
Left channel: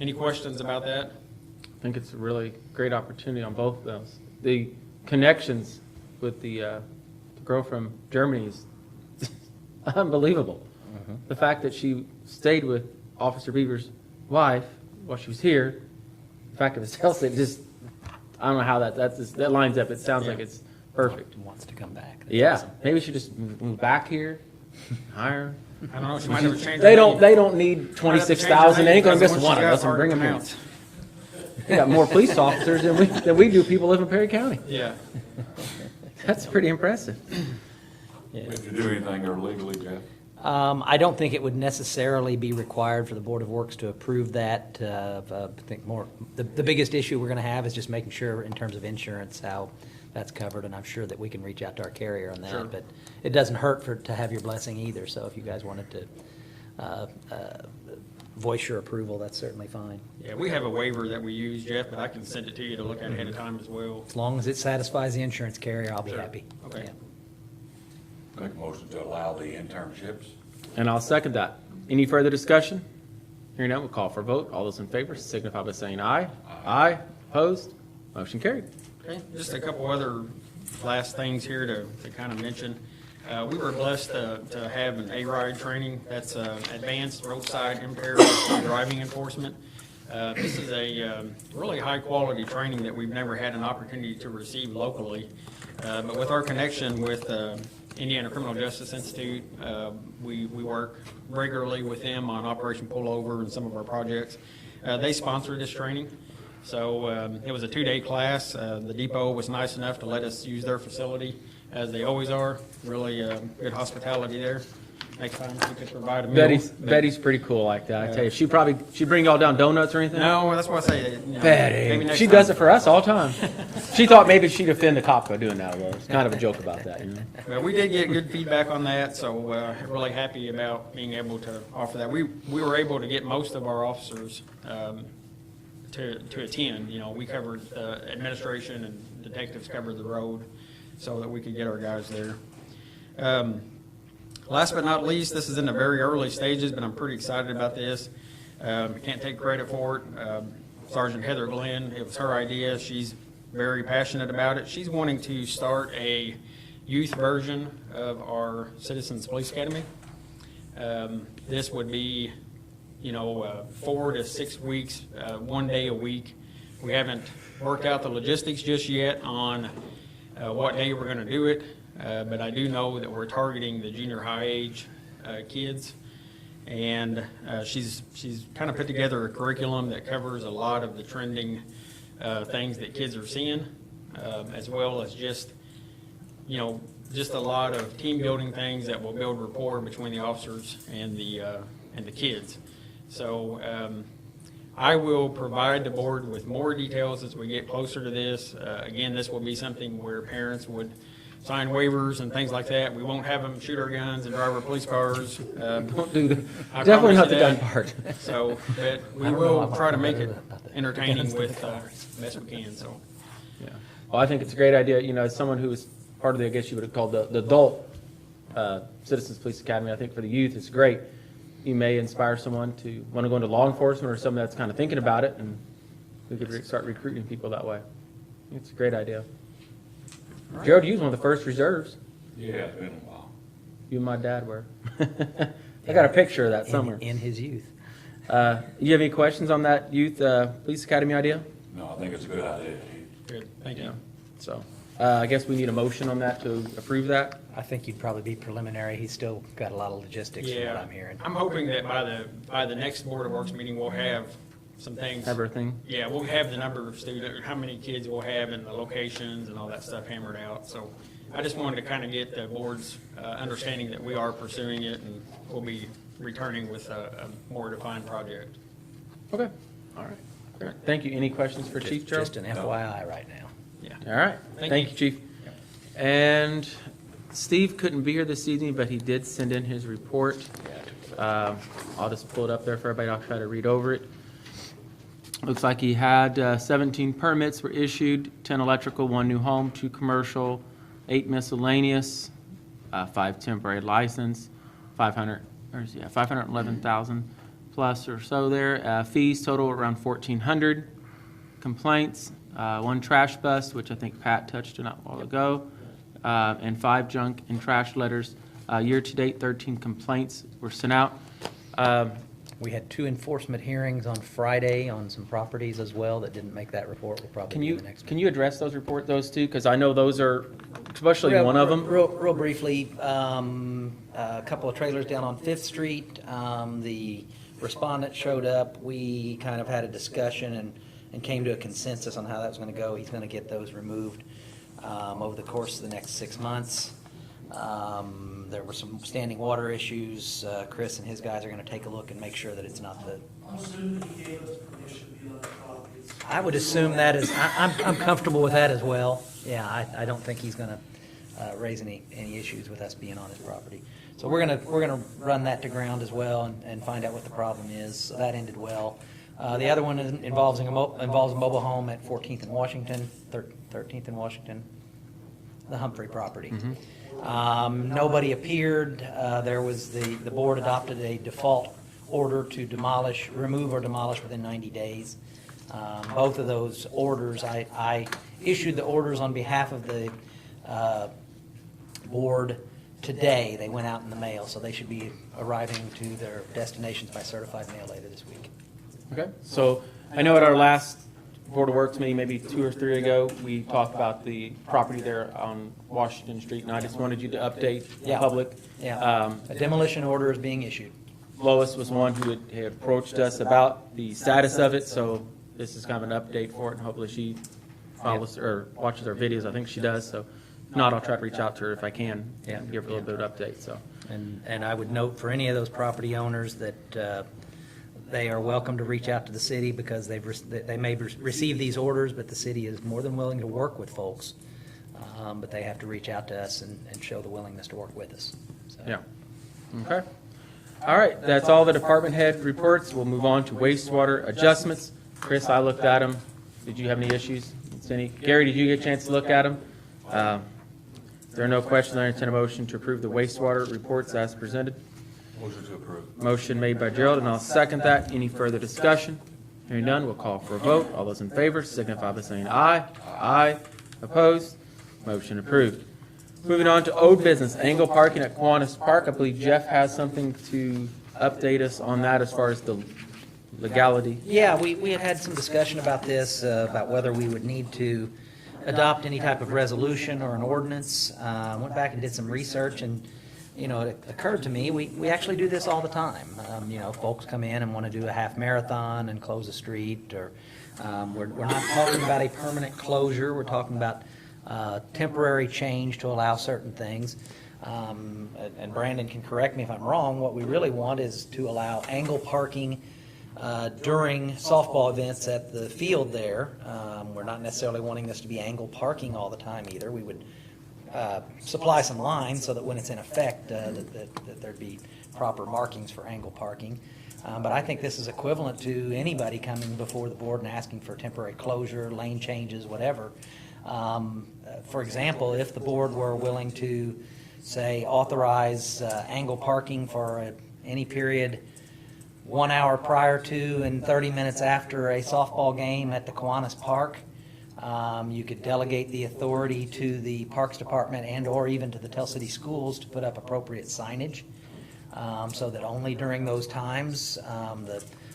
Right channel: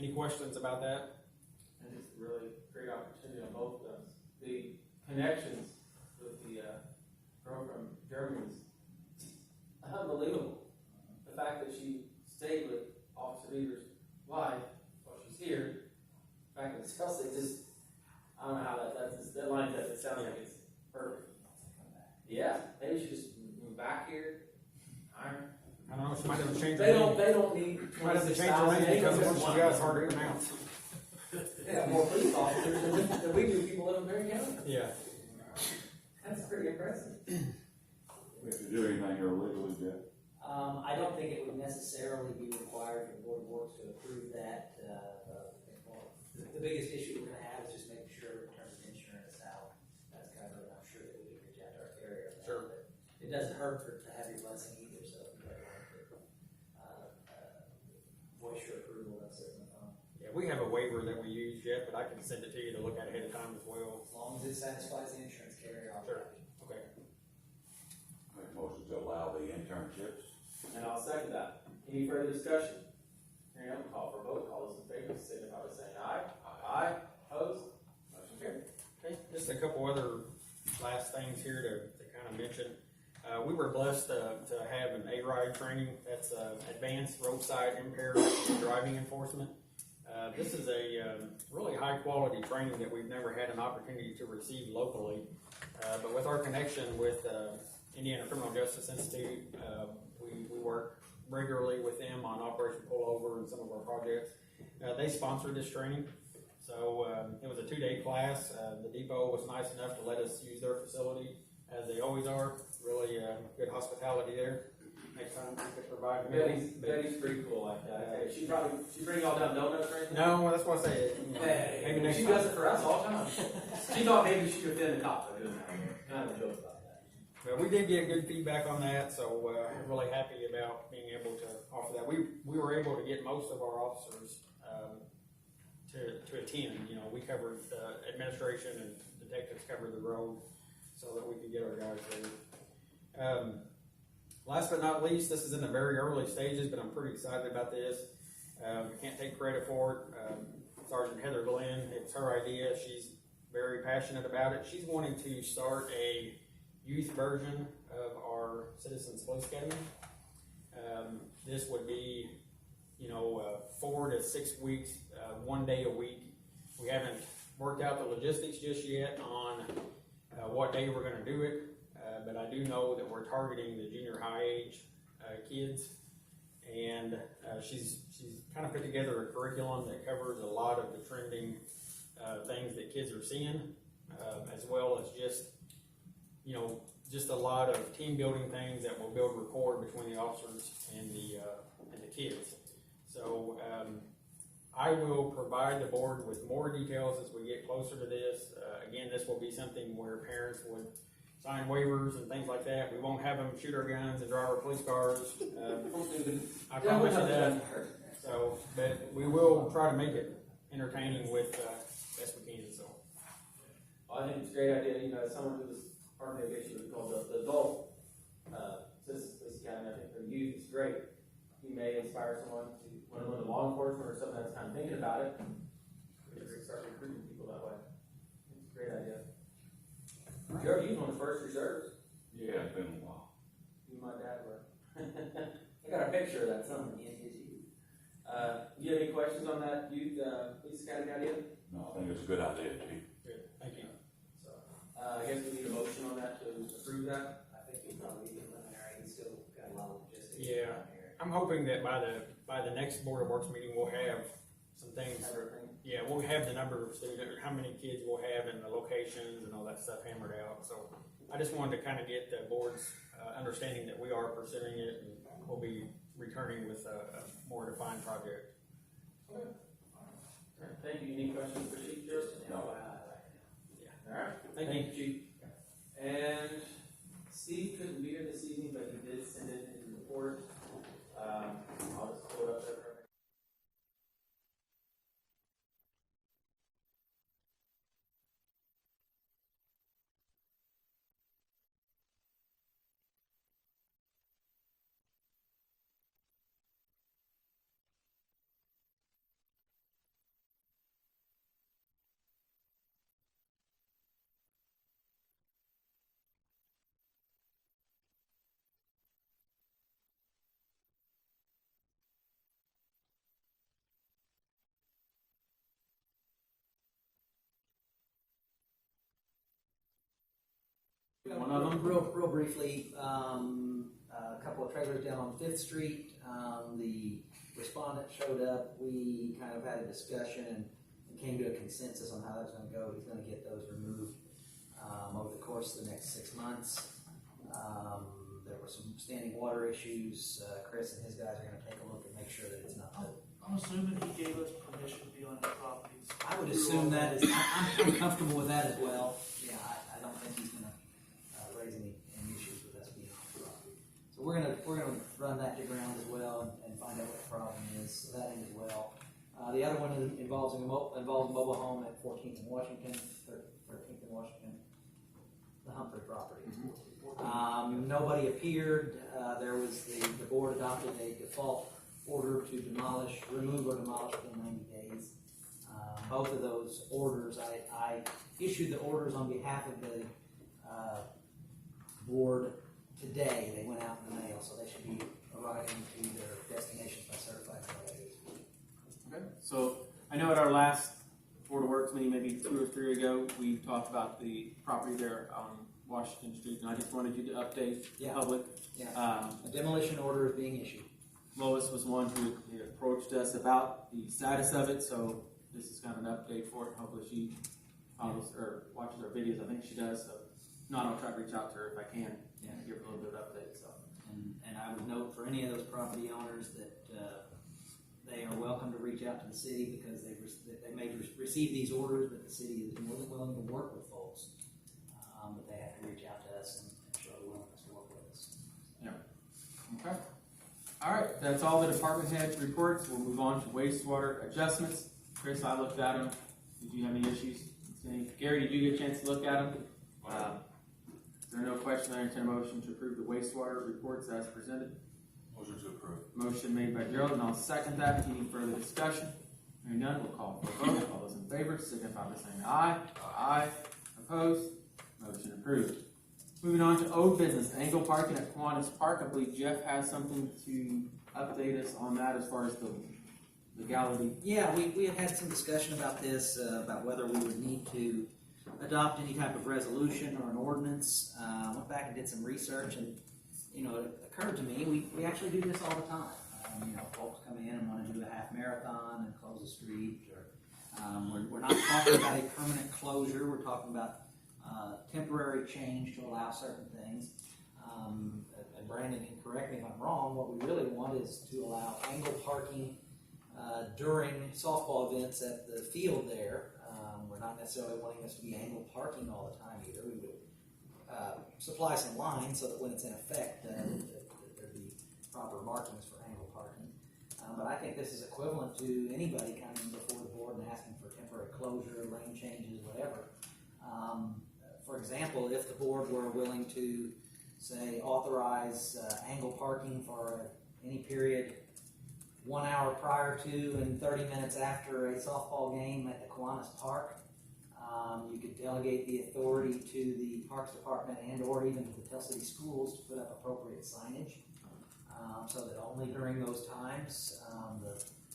any questions about that? I think it's a really great opportunity on both of those. The connections with the girl from Germany is unbelievable. The fact that she stayed with Officer Beaver's wife while she was here, the fact of his health, it just, I don't know how that lines up. It sounds like it's perfect. Wants to come back. That's Yeah, awesome. maybe we should just move back here, hire her. I don't know, she might never change. They don't need 26,000. They ain't gonna miss one of us and bring them in. They got more police officers than we do people live in Perry County. Yeah. That's pretty impressive. Would you do anything illegally, Jeff? I don't think it would necessarily be required for the Board of Works to approve that. I think the biggest issue we're gonna have is just making sure in terms of insurance, how that's covered, and I'm sure that we can reach out to our carrier on that. Sure. But it doesn't hurt to have your blessing either, so if you guys wanted to voice your approval, that's certainly fine. Yeah, we have a waiver that we use, Jeff, but I can send it to you to look at ahead of time as well. As long as it satisfies the insurance carrier, I'll be happy. Okay. Yeah. Make a motion to allow the internships. And I'll second that. Any further discussion? Hearing none, we'll call for a vote. All those in favor signify by saying aye. Aye. Opposed? Motion carried. Okay, just a couple other last things here to kind of mention. We were blessed to have an A-RIDE training. That's Advanced Roadside Impaired Driving Enforcement. This is a really high-quality training that we've never had an opportunity to receive locally. But with our connection with Indiana Criminal Justice Institute, we work regularly with them on Operation Pullover and some of our projects. They sponsored this training. So it was a 2-day class. The depot was nice enough to let us use their facility, as they always are. Really good hospitality there. Next time we could provide a meal. Betty's pretty cool like that. I tell you, she'd bring y'all down donuts or anything? No, that's why I say. Maybe Betty, next she time. does it for us all the time. She thought maybe she'd offend the cop by doing that. Well, it's kind of a joke about that, you know? Well, we did get good feedback on that, so really happy about being able to offer that. We were able to get most of our officers to attend. We covered administration and detectives covered the road so that we could get our guys there. Last but not least, this is in the very early stages, but I'm pretty excited about this. Can't take credit for it. Sergeant Heather Glenn, it was her idea. She's very passionate about it. She's wanting to start a youth version of our Citizens Police Academy. This would be 4 to 6 weeks, 1 day a week. We haven't worked out the logistics just yet on what day we're going to do it, but I do know that we're targeting the junior high age kids, and she's kind of put together a curriculum that covers a lot of the trending things that kids are seeing, as well as just a lot of team building things that will build rapport between the officers and the kids. So I will provide the board with more details as we get closer to this. Again, this will be something where parents would sign waivers and things like that. We won't have them shoot our guns and drive our police cars. Don't do that. I Definitely promise not you the gun that. part. So, but we will try to make it entertaining with best we can, so. Yeah. Well, I think it's a great idea. As someone who was part of the, I guess you would have called the adult Citizens Police Academy, I think for the youth, it's great. You may inspire someone to want to go into law enforcement or someone that's kind of thinking about it, and we could start recruiting people that way. It's a great idea. Gerald, you was one of the first reserves. Yeah, it's been a while. You and my dad were. I got a picture of that somewhere. In his youth. You have any questions on that youth police academy idea? No, I think it's a good idea, Chief. Good, thank you. So, I guess we need a motion on that to approve that. I think you'd probably be preliminary. He's still got a lot of logistics from Yeah, what I'm hearing. I'm hoping that by the next Board of Works meeting, we'll have some things. Everything. Yeah, we'll have the number of students, how many kids we'll have and the locations and all that stuff hammered out. So I just wanted to kind of get the board's understanding that we are pursuing it and we'll be returning with a more defined project. Okay, all right. Great. Thank you. Any questions for Chief Gerald? Just an FYI right now. All right, thank you, Chief. And Steve couldn't be here this evening, but he did send in his report. I'll just pull it up there for everybody. I'll try to read over it. Looks like he had 17 permits were issued, 10 electrical, 1 new home, 2 commercial, 8 miscellaneous, 5 temporary license, 511,000 plus or so there. Fees total around 1,400. Complaints, 1 trash bust, which I think Pat touched on a while ago, and 5 junk and trash letters. Year-to-date, 13 complaints were sent out. We had 2 enforcement hearings on Friday on some properties as well that didn't make that report. We'll probably Can do you, the next one. can you address those two? Because I know those are, especially one of them. Real briefly, a couple of trailers down on Fifth Street. The respondent showed up. We kind of had a discussion and came to a consensus on how that was going to go. He's going to get those removed over the course of the next 6 months. There were some standing water issues. Chris and his guys are going to take a look and make sure that it's not the. I'm assuming he gave us permission to be on that property. I would assume that is, I'm comfortable with that as well. Yeah, I don't think he's gonna raise any issues with us being on his property. So we're gonna run that to ground as well and find out what the problem is. So that ended well. The other one involves a mobile home at 14th and Washington, 13th and Washington, the Humphrey property. Nobody appeared. There was the board adopted a default order to remove or demolish within 90 days. Both of those orders, I issued the orders on behalf of the board today. They went out in the mail, so they should be arriving to their destinations by certified mail later this week. Okay, so I know at our last Board of Works meeting, maybe 2 or 3 ago, we talked about the property there on Washington Street, and I just wanted you to update the public. Yeah, a demolition order is being issued. Lois was one who had approached us about the status of it, so this is kind of an update for it, and hopefully she follows or watches our videos. I think she does, so if not, I'll try to reach out to her if I can, and give her a little bit of update, so. And I would note for any of those property owners that they are welcome to reach out to the city because they may receive these orders, but the city is more than willing to work with folks. But they have to reach out to us and show the willingness to work with us. So. Yeah. Okay. All right, that's all the department head reports. We'll move on to wastewater adjustments. Chris, I looked at them. Did you have any issues? Gary, did you get a chance to look at them? If there are no questions, I entertain a motion to approve the wastewater reports as presented. Motion to approve. Motion made by Gerald, and I'll second that. Any further discussion? Hearing none, we'll call for a vote. All those in favor signify by saying aye. Aye. Opposed? Motion approved. Moving on to old business, Angle Parking at Kiwanis Park. I believe Jeff has something to update us on that as far as the legality. Yeah, we had some discussion about this, about whether we would need to adopt any type of resolution or an ordinance. Went back and did some research, and it occurred to me, we actually do this all the time. Folks come in and want to do a half marathon and close a street, or we're not talking about a permanent closure. We're talking about temporary change to allow certain things. And Brandon can correct me if I'm wrong. What we really want is to allow angle parking during softball events at the field there. We're not necessarily wanting this to be angle parking all the time either. We would supply some lines so that when it's in effect, that there'd be proper markings for angle parking. But I think this is equivalent to anybody coming before the board and asking for temporary closure, lane changes, whatever. For example, if the board were willing to, say, authorize angle parking for any period 1 hour prior to and 30 minutes after a softball game at the Kiwanis Park, You could delegate the authority to the Parks Department and/or even to the Tell City Schools to put up appropriate signage, so that only during those times,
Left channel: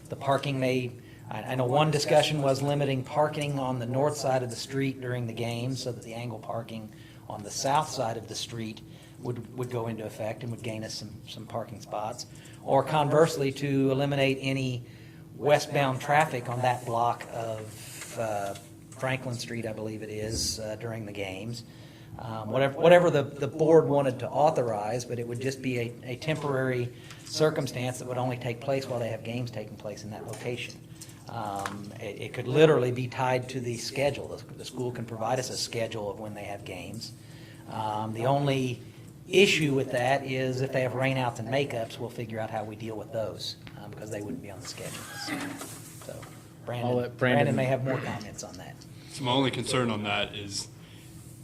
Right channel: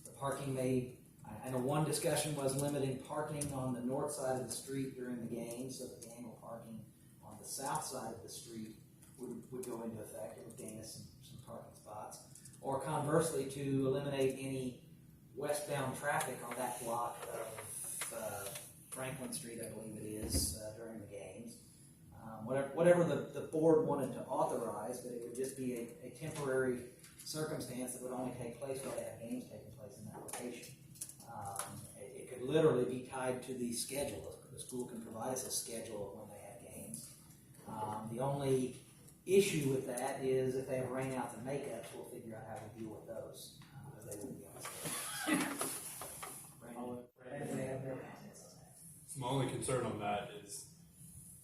the parking may, I know one discussion was limiting parking on the north side of the street during the game, so that the angle parking on the south side of the street would go into effect and would gain us some parking spots. Or conversely, to eliminate any westbound traffic on that block of Franklin Street, I believe it is, during the games. Whatever the board wanted to authorize, but it would just be a temporary circumstance that would only take place while they have games taking place in that location. It could literally be tied to the schedule. The school can provide us a schedule of when they have games. The only issue with that is if they have rainouts and makeups, we'll figure out how we deal with those, because they wouldn't be on the schedule. So I'll let Brandon may have more comments on that. So my only concern on that is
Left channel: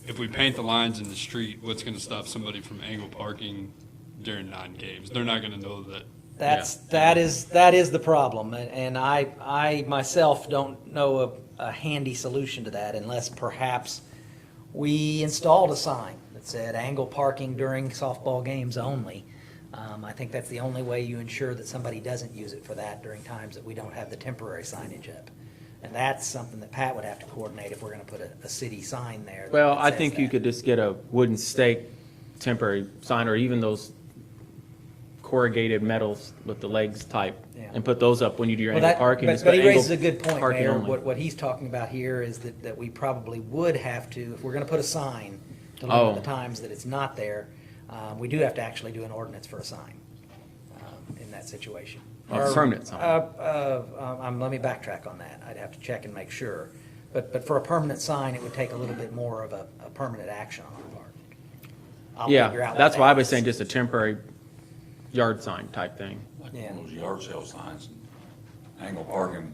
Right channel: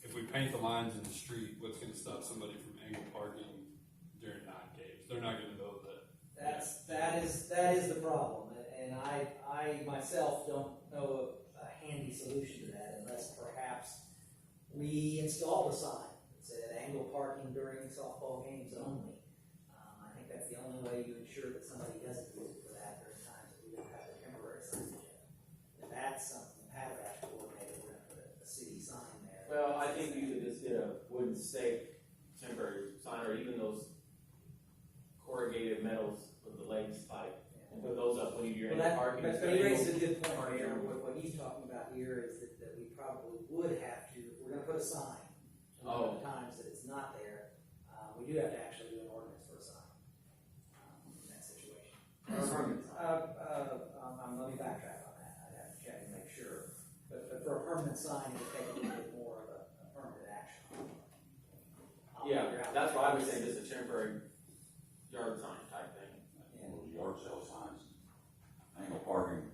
if we paint the lines in the street, what's going to stop somebody from angle parking during non-games? They're not going to know that. That is the problem, and I myself don't know a handy solution to that unless perhaps we installed a sign that said angle parking during softball games only. I think that's the only way you ensure that somebody doesn't use it for that during times that we don't have the temporary signage up. And that's something that Pat would have to coordinate if we're gonna put a city sign there. that Well, I says think you that. could just get a wooden stake temporary sign, or even those corrugated metals with the legs type, Yeah. and put those up when you do your Well, angle that, parking. but It's he got raises a angle good point, parking Mayor. only. What he's talking about here is that we probably would have to, if we're gonna put a sign to Oh. limit the times that it's not there, we do have to actually do an ordinance for a sign in that situation. A permanent sign. Let me backtrack on that. I'd have to check and make sure. But for a permanent sign, it would take a little bit more of a permanent action on our part. I'll figure out Yeah, what that's that why I was is. saying just a temporary yard sign type thing. Like Yeah. those yard sale signs, angle parking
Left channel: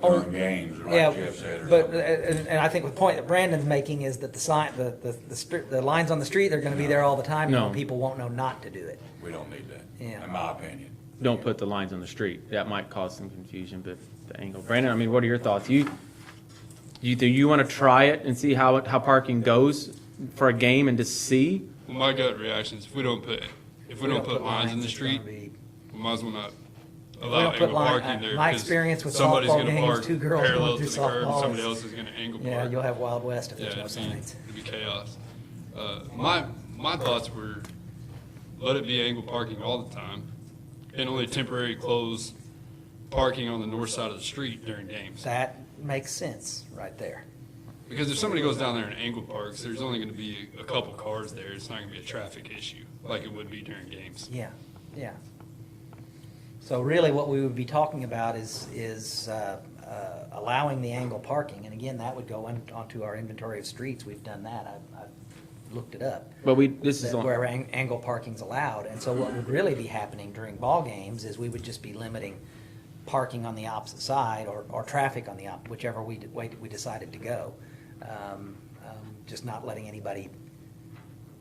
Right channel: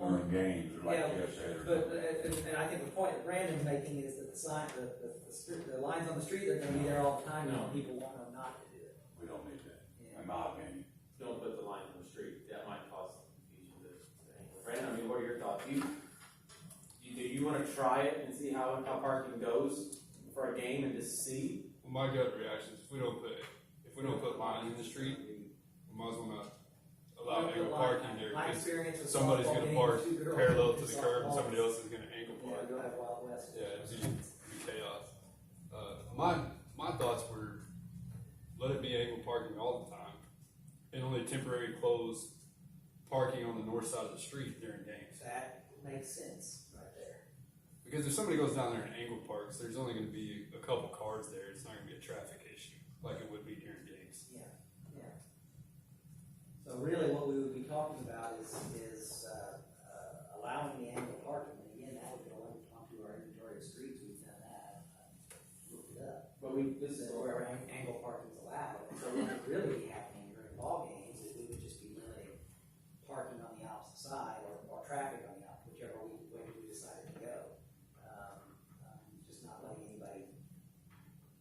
Oh, during games, Yeah, like Jeff said. or but, something. and I think the point that Brandon's making is that the sign, the lines on the street, they're gonna be there all the time, No. and people won't know not to do it. We don't need that, Yeah. in my opinion. Don't put the lines on the street. That might cause some confusion, but the angle. Brandon, I mean, what are your thoughts? Do you want to try it and see how parking goes for a game and just see? Well, my gut reaction is if we don't put lines in the it's street, gonna be- we might as well not We allow don't put angle line- parking there. my because experience with somebody's softball gonna games, park 2 girls parallel going to through the curb, and softball somebody is- else is gonna angle park. Yeah, you'll have Wild West if Yeah, there's no I've seen, signs. it'd be chaos. My thoughts were, let it be angle parking all the time, and only temporary close parking on the north side of the street during games. That makes sense right there. Because if somebody goes down there and angle parks, there's only gonna be a couple cars there, it's not gonna be a traffic issue, like it would be during games. Yeah, yeah. So really what we would be talking about is allowing the angle parking, and again, that would go onto our inventory of streets. We've done that. I've looked it up. But this is That on, where angle parking's allowed, and so what would really be happening during ball games is we would just be limiting parking on the opposite side or traffic on the whichever way we decided to go. Just not letting anybody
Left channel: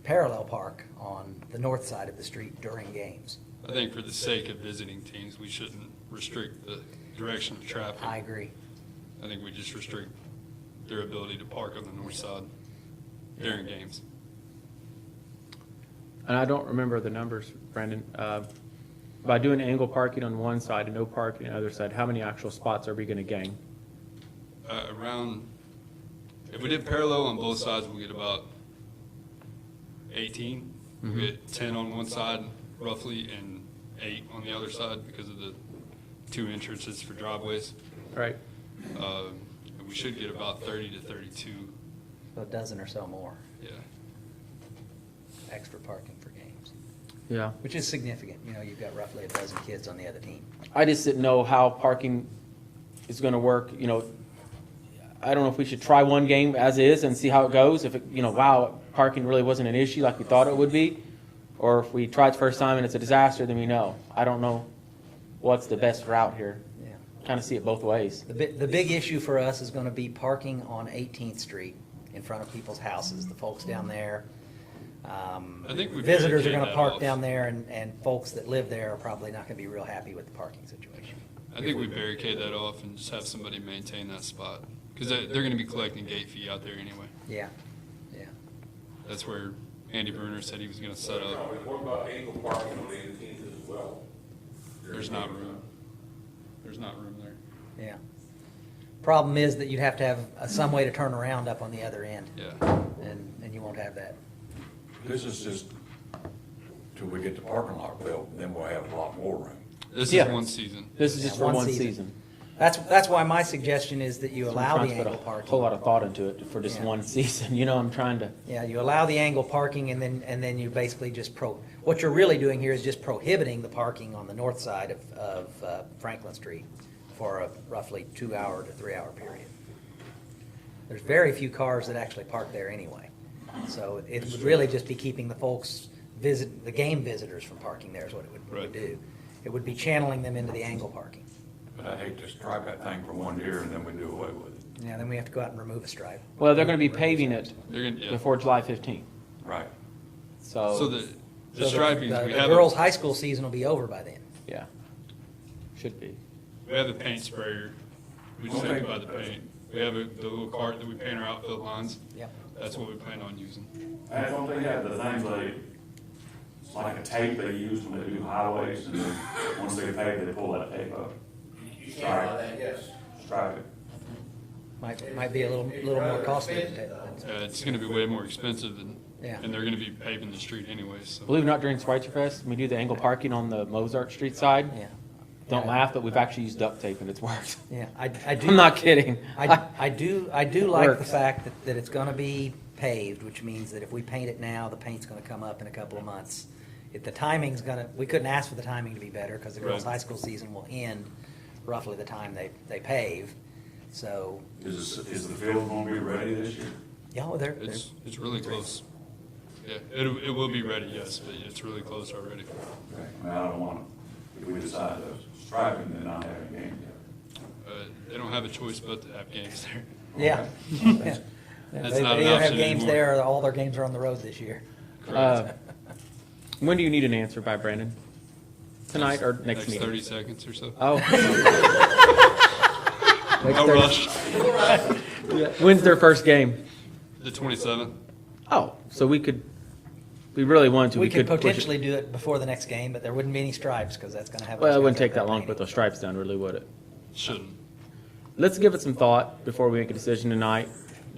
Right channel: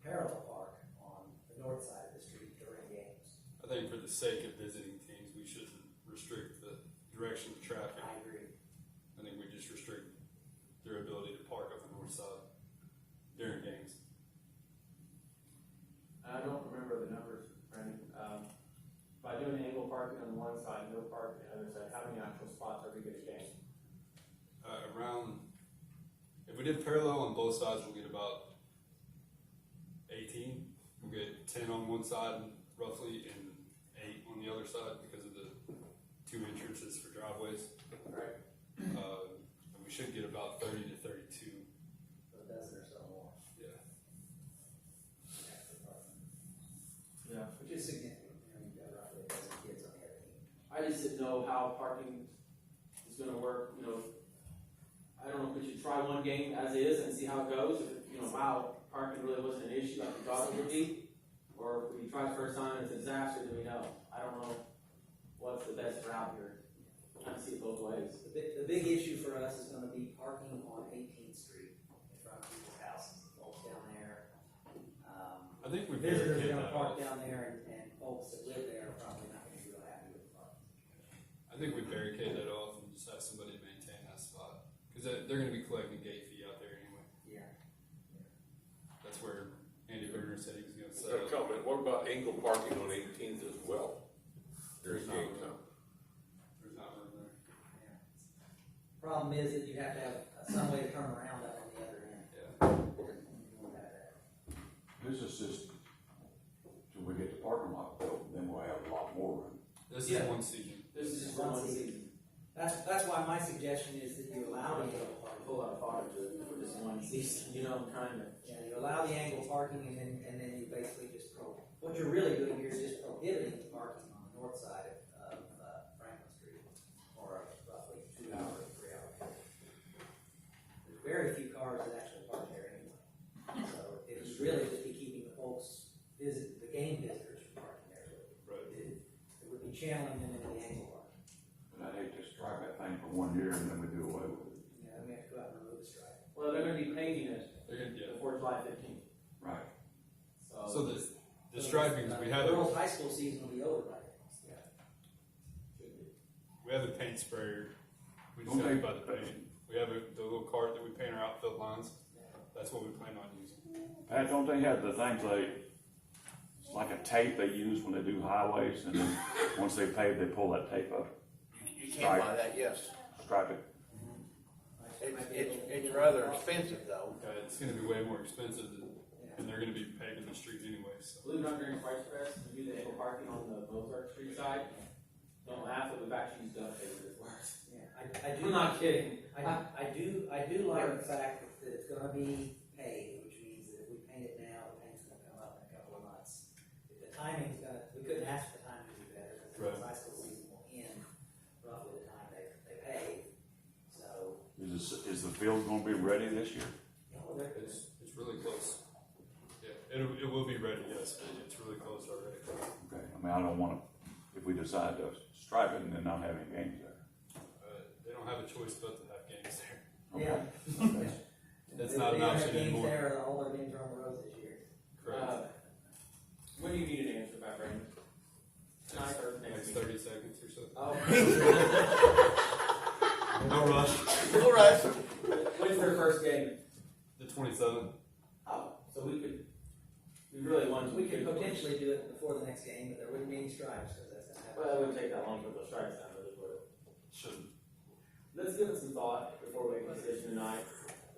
parallel park on the north side of the street during games. I think for the sake of visiting teams, we shouldn't restrict the direction of traffic. I agree. I think we just restrict their ability to park on the north side during games. and I don't remember the numbers, Brandon. By doing angle parking on one side and no parking on the other side, how many actual spots are we going to gain? If we did parallel on both sides, we get about 18. We get 10 on one side roughly and 8 on the other side because of the 2 entrances for driveways. Right? We should get about 30 to 32. So a dozen or so more Yeah. extra parking for games, Yeah. which is significant. You know, you've got roughly a dozen kids on the other team. I just didn't know how parking is going to work, I don't know if we should try one game as is and see how it goes. If wow, parking really wasn't an issue like we thought it would be. Or if we try it the first time and it's a disaster, then we know. I don't know what's the best route here. Yeah. Kind of see it both ways. The big issue for us is gonna be parking on 18th Street in front of people's houses, the folks down there. I think we Visitors are barricade gonna that park off. down there, and folks that live there are probably not gonna be real happy with the parking situation. I think we barricade that off and just have somebody maintain that spot Because they're gonna be collecting gate fee out there anyway. Yeah, yeah. That's where Andy Bruner said he was gonna set Tell up. me, what about angle parking on 18th as well? There's not room. There's not room there. Yeah. Problem is that you'd have to have some way to turn around up on the other end, Yeah. and you won't have that. This is just till we get the parking lot built, and then we'll have a lot more room. This Yeah. is one season. This is just Yeah, for one one season. season. That's why my suggestion is that you So I'm allow trying the to put angle a whole parking. lot of thought into it for just Yeah. one season, you know, I'm trying to, Yeah, you allow the angle parking and then you basically just what you're really doing here is just prohibiting the parking on the north side of Franklin Street for a roughly 2-hour to 3-hour period. There's very few cars that actually park there anyway. So it would really just be keeping the folks the game visitors from parking there is what it would Right. do. It would be channeling them into the angle parking. But I hate to stripe that thing for 1 year and then we do away with it. Yeah, then we have to go out and remove a stripe. well, they're gonna be paving it They're gonna, yeah. before July 15th, Right. So so, the So striping, the we have, girls' high school season will be over by then. yeah, should be. we have the paint sprayer. We just have to buy the paint. We have the little cart that we paint our outfield lines. Yep. That's what we plan on using. And don't they have the things it's like a tape they use when they do highways, and then once they pave, they pull that tape up, You can buy that, yes. stripe it. Might be a little more costly. It's gonna be way more expensive than, Yeah. and they're gonna be paving the street anyway, so. Believe it or not, during Schweitzer Fest, we do the angle parking on the Mozart Street side. Yeah. Don't laugh, but we've actually used duct tape and it's worked. Yeah, I do. I'm not kidding. I do like the Works. fact that it's gonna be paved, which means that if we paint it now, the paint's gonna come up in a couple of months. If the timing's we couldn't ask for the timing to be better, because the girls' Right. high school season will end roughly the time they pave. So, Is the field gonna be ready this year? yeah, well, they're, It's really close. Yeah, it will be ready, yes, but it's really close already. Okay. I mean, I don't wanna, if we decide to stripe it and then not have a game yet. They don't have a choice but to have games there. yeah. Yeah. That's They not an either have option games anymore. there, or all their games are on the road this year. When do you need an answer by, Brandon? Tonight or next Next meeting? 30 seconds or so. Oh. No rush. When's their first game? The 27th. Oh, so we really wanted to, We we could could push potentially it. do it before the next game, but there wouldn't be any stripes, because that's gonna have. Well, it wouldn't take that long to put those stripes down, really, would it? Shouldn't. Let's give it some thought before we make a decision tonight,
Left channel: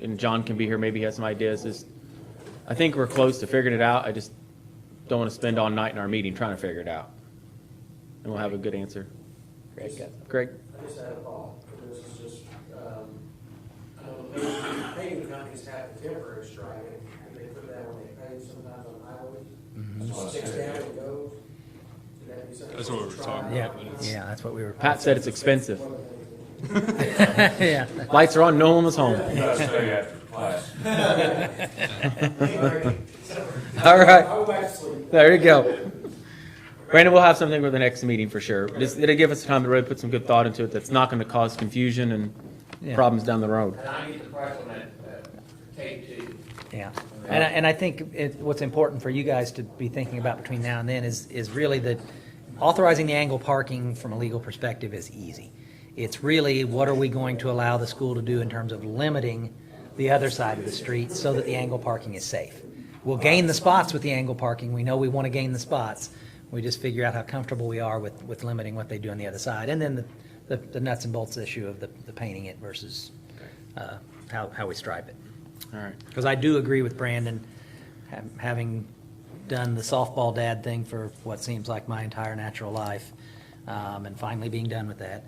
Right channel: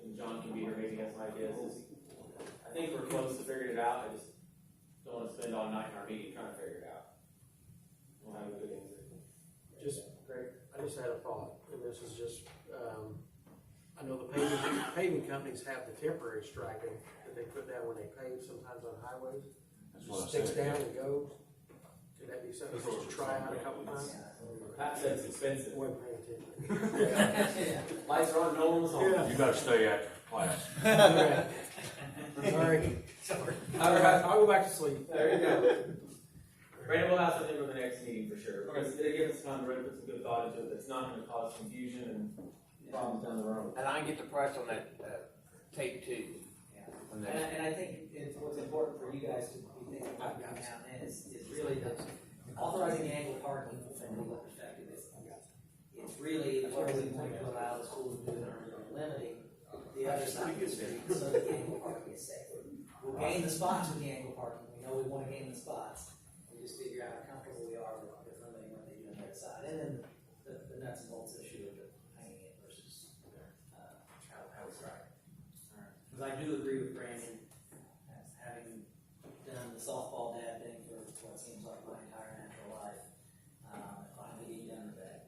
and John can be here, maybe he has some ideas. I think we're close to figuring it out, I just don't want to spend all night in our meeting trying to figure it out. And we'll have a good answer. Greg? I just had a thought, and this is just, I know the paving companies have the temporary striping, and they put that when they pave sometimes on highways. Just sticks down and goes. Could that be something? That's what we were to try talking Yeah, out? about. but it's- yeah, that's what we were. Pat said it's expensive. Yeah. Lights are on, no one was home. You gotta stay after class. All right. I'll go back to sleep. There you go. Brandon, we'll have something for the next meeting for sure. It'll give us time to really put some good thought into it that's not going to cause confusion and Yeah. problems down the road. And I get the price on that, tape too. Yeah, and I think what's important for you guys to be thinking about between now and then is really that authorizing the angle parking from a legal perspective is easy. It's really, what are we going to allow the school to do in terms of limiting the other side of the street so that the angle parking is safe? We'll gain the spots with the angle parking, we know we want to gain the spots, we just figure out how comfortable we are with limiting what they do on the other side. And then the nuts and bolts issue of the painting it versus how we stripe it. All right. Because I do agree with Brandon, having done the softball dad thing for what seems like my entire natural life, and finally being done with that,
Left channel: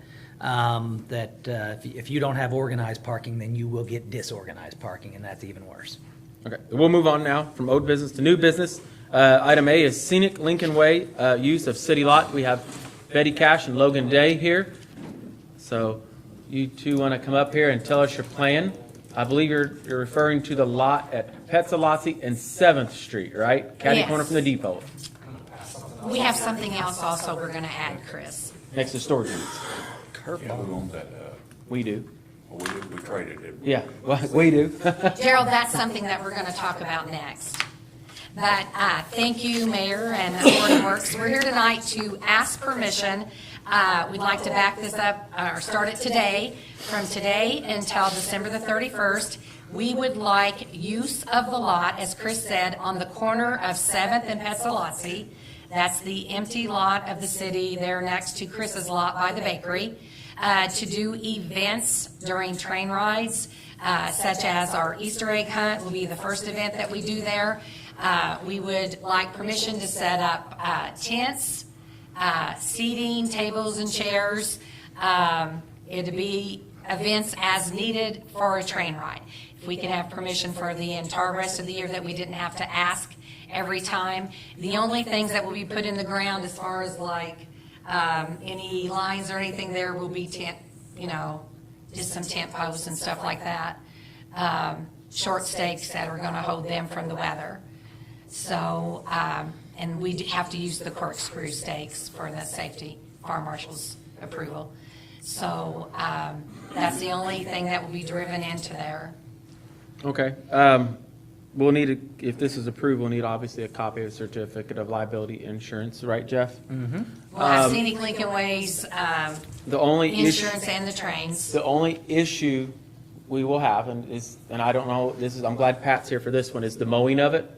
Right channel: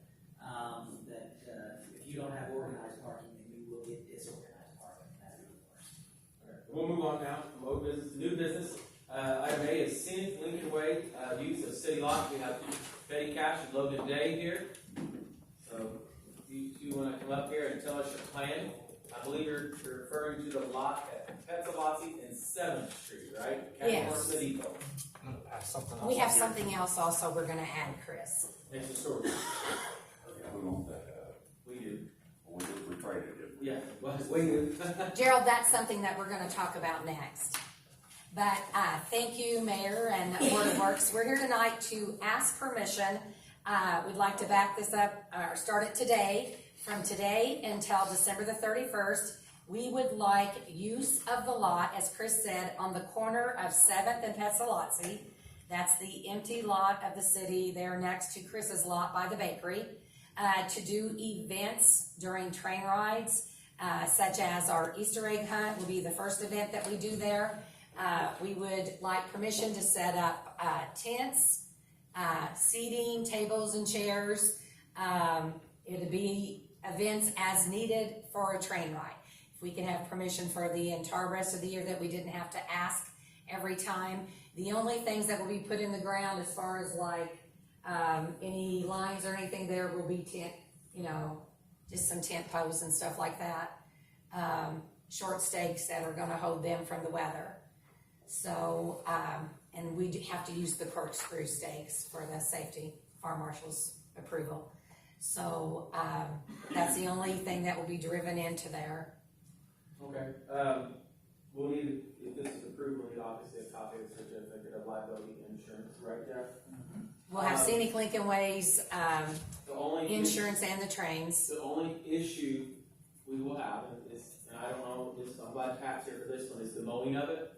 if you don't have organized parking, then you will get disorganized parking, and that's even worse. Okay, we'll move on now from old business to new business. Item A is scenic Lincoln Way, use of city lot. We have Betty Cash and Logan Day here. So you two want to come up here and tell us your plan? I believe you're referring to the lot at Petzolazzi and 7th Street, right? Catty Yes. corner from the depot, We have something else also we're gonna add, Chris. next to storage units. Yeah, who owns that, We do. we traded it. Yeah, well, we do. Gerald, that's something that we're gonna talk about next. But, thank you, Mayor and Board of Works. We're here tonight to ask permission We'd like to back this up, or start it today. From today until December the 31st, we would like use of the lot, as Chris said, on the corner of 7th and Pestalozzi. That's the empty lot of the city there next to Chris's lot by the bakery, to do events during train rides, such as our Easter egg hunt will be the first event that we do there. We would like permission to set up tents, seating, tables and chairs. It'd be events as needed for a train ride. If we can have permission for the entire rest of the year, that we didn't have to ask every time. The only things that will be put in the ground as far as like any lines or anything there will be tent, just some tent posts and stuff like that. Short stakes that are gonna hold them from the weather. So, and we have to use the corkscrew stakes for the safety, fire marshal's approval. So, that's the only thing that will be driven into there. Okay. We'll need, if this is approved, we'll need obviously a copy of the certificate of liability insurance, right, Jeff? Mm-hmm. We'll have Scenic Lincoln Ways, The only issue, insurance and the trains. the only issue we will have, and I don't know, I'm glad Pat's here for this one, is the mowing of it.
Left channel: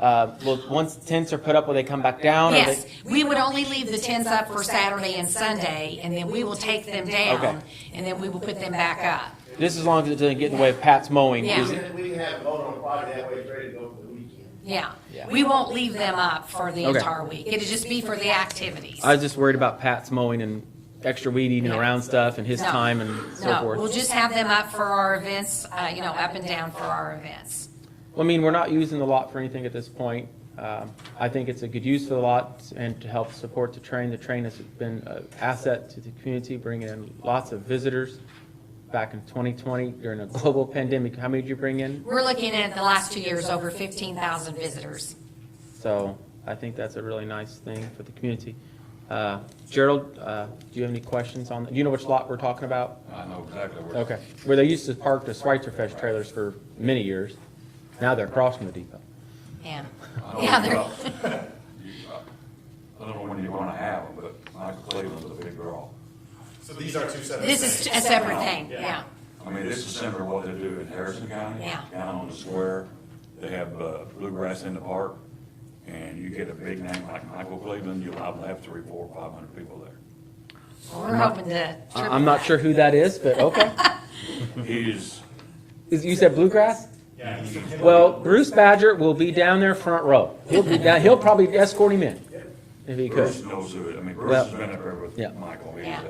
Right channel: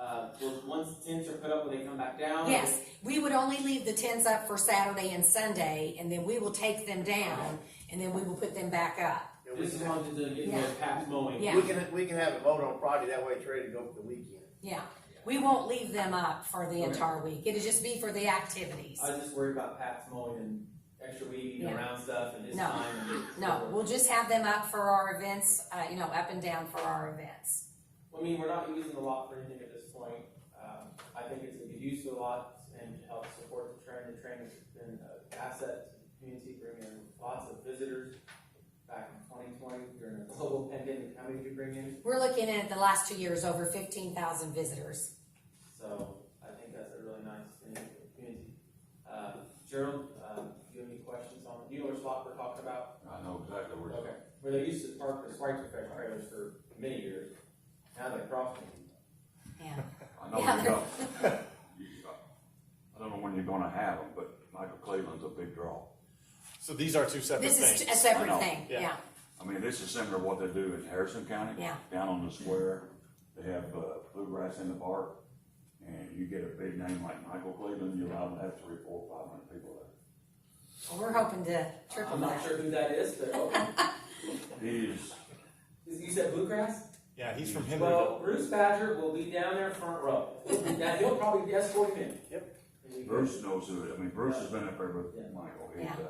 Well, once tents are put up, will they come back down? Yes, we would only leave the tents up for Saturday and Sunday, and then we will take them down, Okay. and then we will put them back up. This as long as it doesn't get in the way of Pat's mowing. Yeah. Is it- We can have a vote on Friday, that way it's ready to go for the weekend. Yeah, we won't leave them up for the Okay. entire week. It'll just be for the activities. I was just worried about Pat's mowing and extra weed eating Yeah. around stuff and his No. time and so No, forth. we'll just have them up for our events, up and down for our events. Well, I mean, we're not using the lot for anything at this point. I think it's a good use of the lot and to help support the train. The train has been an asset to the community, bringing in lots of visitors. Back in 2020, during a global pandemic, how many did you bring in? We're looking at the last 2 years, over 15,000 visitors. So I think that's a really nice thing for the community. Gerald, do you have any questions on, do you know which lot we're talking about? I know exactly where. Okay, where they used to park the Schweitzerfest trailers for many years. Now they're across from the depot. Yeah. I don't Yeah, know they're, about- I don't know when you wanna have them, but Michael Cleveland's a big draw. So these are two separate this things. is a separate thing, Yeah. yeah. I mean, this is similar to what they do in Harrison County. Yeah. Down on the square, they have bluegrass in the park, and you get a big name like Michael Cleveland, you'll have 300, 400, 500 people there. We're hoping to. I'm not sure who that is, but okay. He's, You said bluegrass? Yeah, he's from Henry. Well, Bruce Badger will be down there front row. He'll probably escort him in, if he could. Bruce knows who it, I mean, Bruce Well, has been up there with yeah. Michael. Yeah.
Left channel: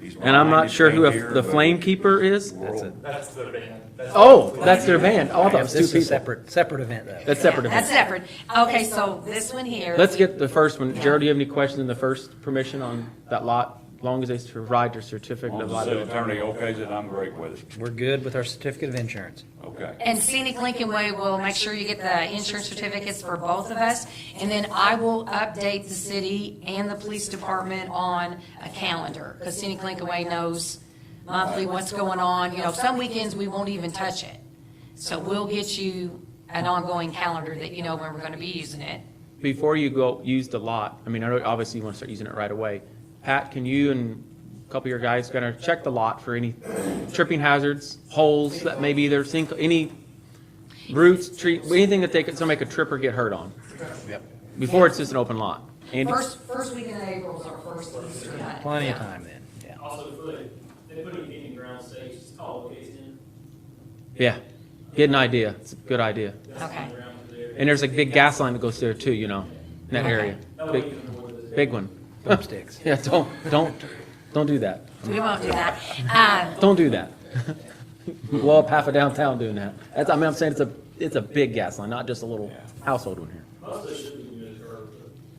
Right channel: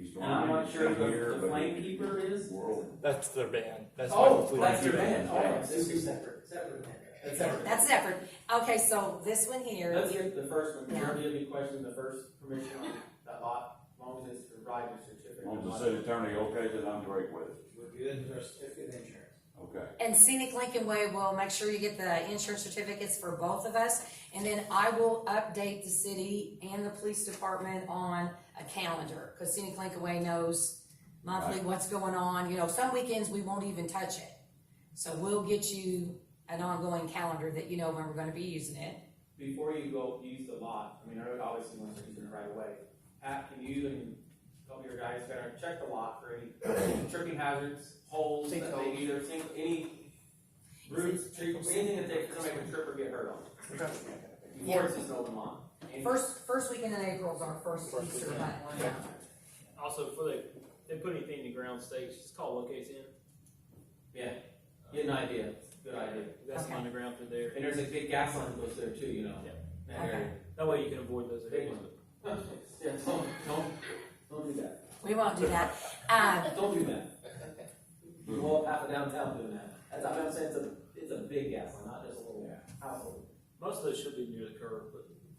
He's And I'm not sure who here, the but Flame Keeper is. world- That's the band. That's Oh, the- that's their band. Oh, I thought it was This two is a people. separate event, though. That's separate. That's separate. Okay, so this one here. Let's get the first one. Gerald, do you have any questions on the first permission on that lot? As long as they provide your certificate As of long as the city liability. attorney okays it, I'm great with it. We're good with our certificate of insurance. Okay. And Scenic Lincoln Way will make sure you get the insurance certificates for both of us. And then I will update the city and the police department on a calendar. Because Scenic Lincoln Way knows monthly what's going on. Some weekends we won't even touch it. So we'll get you an ongoing calendar that you know when we're gonna be using it. Before you go use the lot, I mean, obviously you want to start using it right away. Pat, can you and a couple of your guys gonna check the lot for any tripping hazards, holes that maybe either sink, any roots, anything that somebody could trip or get hurt on? Before it's just an open lot. Andy? First weekend of April is our first Easter hunt. Plenty of Yeah. time then, yeah. Also, before they put anything in ground stakes, just call locates in. Yeah, get an idea. It's a good idea. That's Okay. on the ground through there. And there's a big gas line that goes there too, in that area. That way you Big, can avoid those. big one. Thumbsticks. Yeah, don't do that. We won't do that. Don't do that. Blow up half of downtown doing that. I'm saying it's a big gas line, not just a little household one here. Most of those should be near the curb,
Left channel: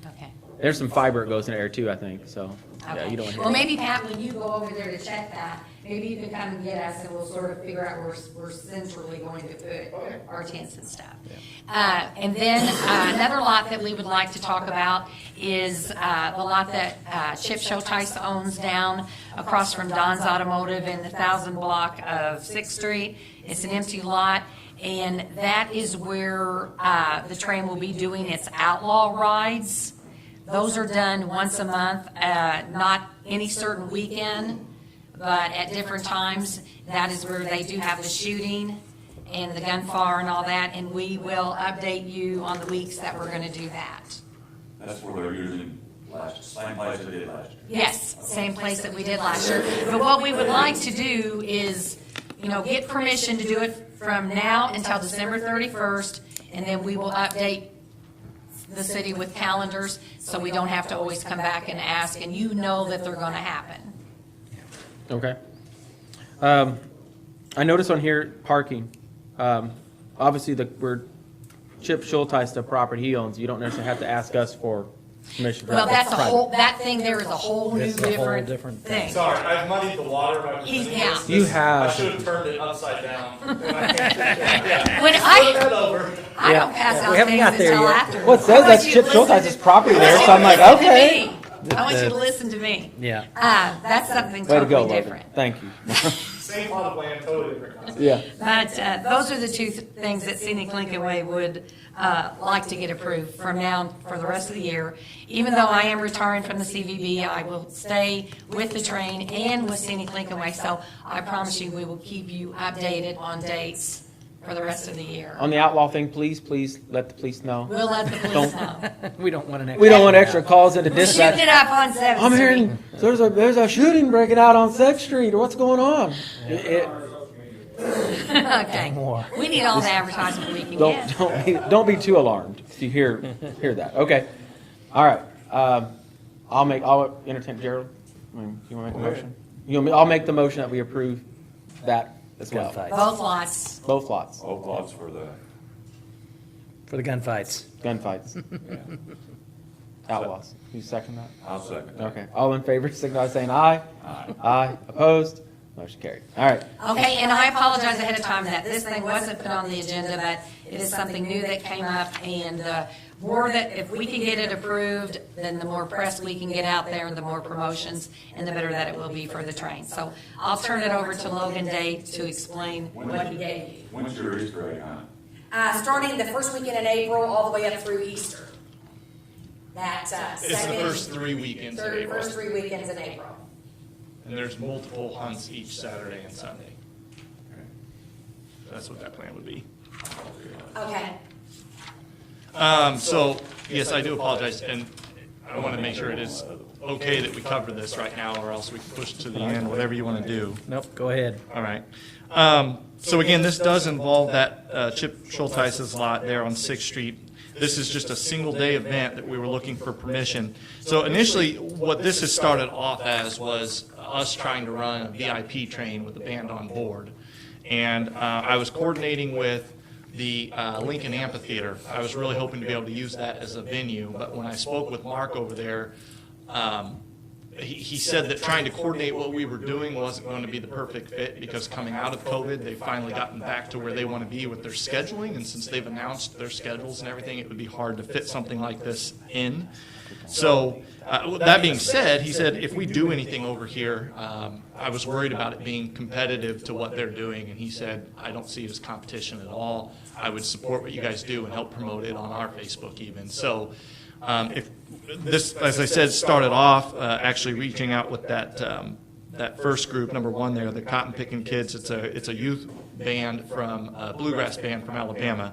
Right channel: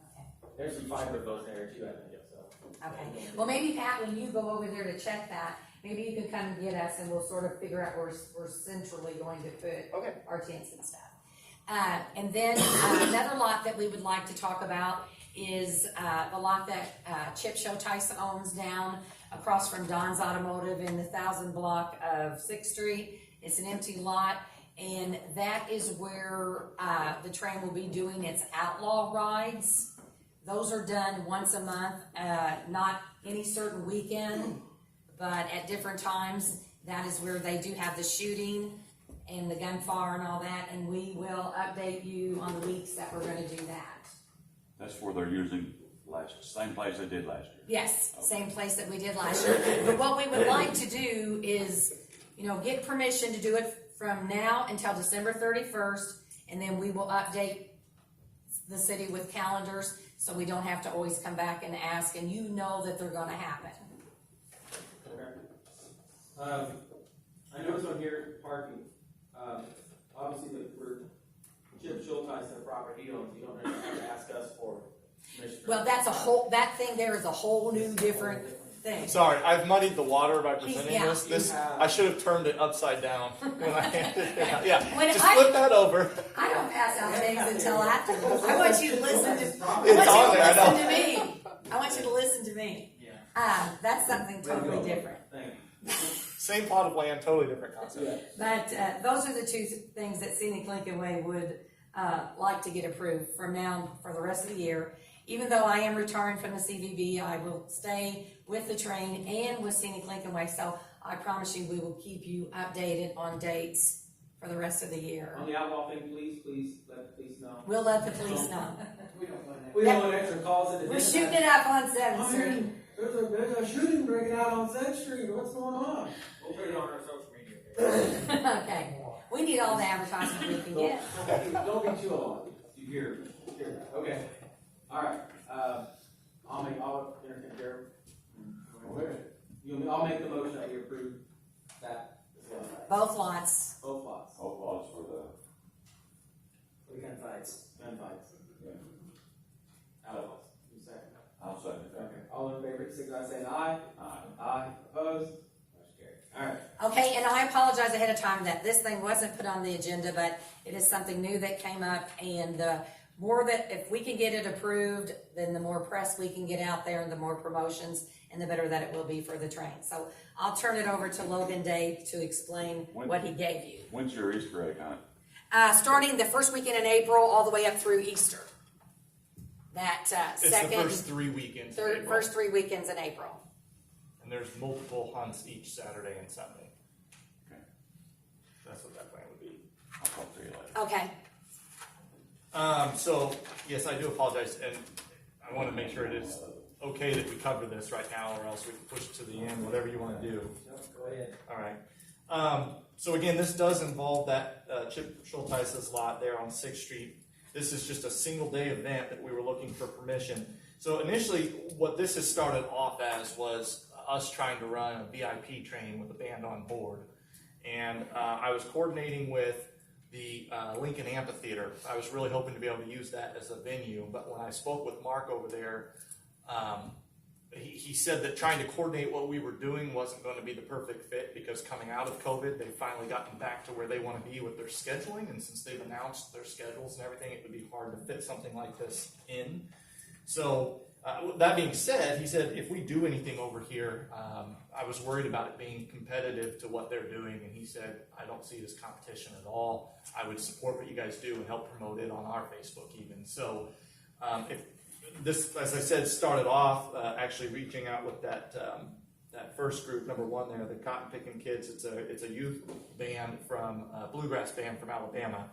but. Okay. There's some fiber that goes in there too, I think, so, yeah, Okay. you don't want to Well, hear. maybe Pat, when you go over there to check that, maybe you can kind of get us and we'll sort of figure out where we're centrally going to put our tents and stuff. And then another lot that we would like to talk about is the lot that Chip Showtice owns down across from Don's Automotive in the 1000 block of 6th Street. It's an empty lot, and that is where the train will be doing its outlaw rides. Those are done once a month, not any certain weekend, but at different times. That is where they do have the shooting and the gunfire and all that, and we will update you on the weeks that we're gonna do that. That's where they're using same place they did last year. Yes, same place that we did last year. But what we would like to do is, get permission to do it from now until December 31st, and then we will update the city with calendars, so we don't have to always come back and ask, and that they're gonna happen. Okay. I noticed on here, parking. Obviously, we're Chip Schulteis, the property he owns, you don't necessarily have to ask us for permission. Well, that's that thing there is a whole new different thing. Sorry, I've muddied the water by He- presenting yeah. this. You have. I should have turned it upside down. Yeah. When Just I- flip that over. I don't pass out We haven't things got there until yet. afterwards. Well, it says I want that's you Chip to listen- Schulteis' property there, so I'm like, Listen to okay. me. I want you to listen to me. Yeah. That's something Way to go, totally Logan. different. Thank you. Same plot of land, totally different concept. Yeah. But those are the two things that Scenic Lincoln Way would like to get approved from now for the rest of the year. Even though I am retiring from the CVB, I will stay with the train and with Scenic Lincoln Way. So I promise you, we will keep you updated on dates for the rest of the year. On the outlaw thing, please let the police know. We'll let the police Don't- know. We don't want an extra. We don't want extra calls into We're shooting it dispatch. up on 7th I'm Street. hearing there's a shooting breaking out on 6th Street. What's going on? Okay. More. We need all the advertising we can get. Don't be too alarmed if you hear that. Okay. All right. I'll entertain Gerald. You want to make a motion? I'll make the motion that we approve that as well. Gunfights. Both lots. Both lots. Both lots for the, For the gunfights. Gunfights. Outlaws. You second that? I'll second that. Okay. All in favor, signify by saying aye. Aye. Aye. Opposed? Motion carried. All right. Okay, and I apologize ahead of time that this thing wasn't put on the agenda, but it is something new that came up, and more that, if we can get it approved, then the more press we can get out there, the more promotions, and the better that it will be for the train. So I'll turn it over to Logan Day to explain what he gave you. When's your Easter egg hunt? Starting the first weekend in April, all the way up through Easter. That It's the first 3 weekends. in April. first 3 weekends in April. And there's multiple hunts each Saturday and Sunday. That's what that plan would be. Okay. So, yes, I do apologize, and I want to make sure it is okay that we cover this right now, or else we can push it to the end, whatever you want to do. Nope, go ahead. All right. So again, this does involve that Chip Schulteis' lot there on 6th Street. This is just a single-day event that we were looking for permission. So initially, what this has started off as was us trying to run a VIP train with the band on board. And I was coordinating with the Lincoln Amphitheater. I was really hoping to be able to use that as a venue, but when I spoke with Mark over there, he said that trying to coordinate what we were doing wasn't going to be the perfect fit, because coming out of COVID, they've finally gotten back to where they want to be with their scheduling, and since they've announced their schedules and everything, it would be hard to fit something like this in. So, that being said, he said, if we do anything over here, I was worried about it being competitive to what they're doing, and he said, I don't see it as competition at all. I would support what you guys do and help promote it on our Facebook even. So, if this, as I said, started off actually reaching out with that first group, number one there, the Cotton Picking Kids. It's a youth band from a bluegrass band from Alabama.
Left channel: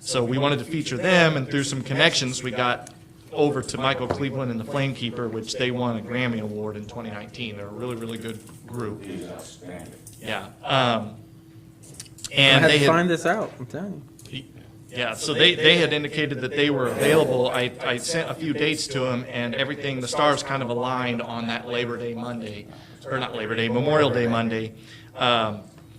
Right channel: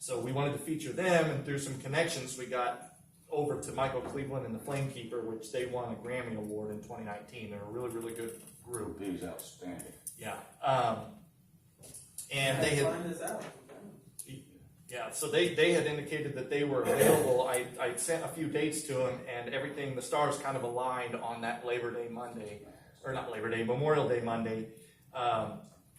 So we wanted to feature them, and through some connections, we got over to Michael Cleveland and the Flamekeeper, which they won a Grammy Award in 2019. They're a really, really good group. He's outstanding. Yeah. I And had they to had, find this out, I'm telling you. yeah, so they had indicated that they were available. I sent a few dates to them, and everything, the stars kind of aligned on that Labor Day Monday, or not Labor Day, Memorial Day Monday.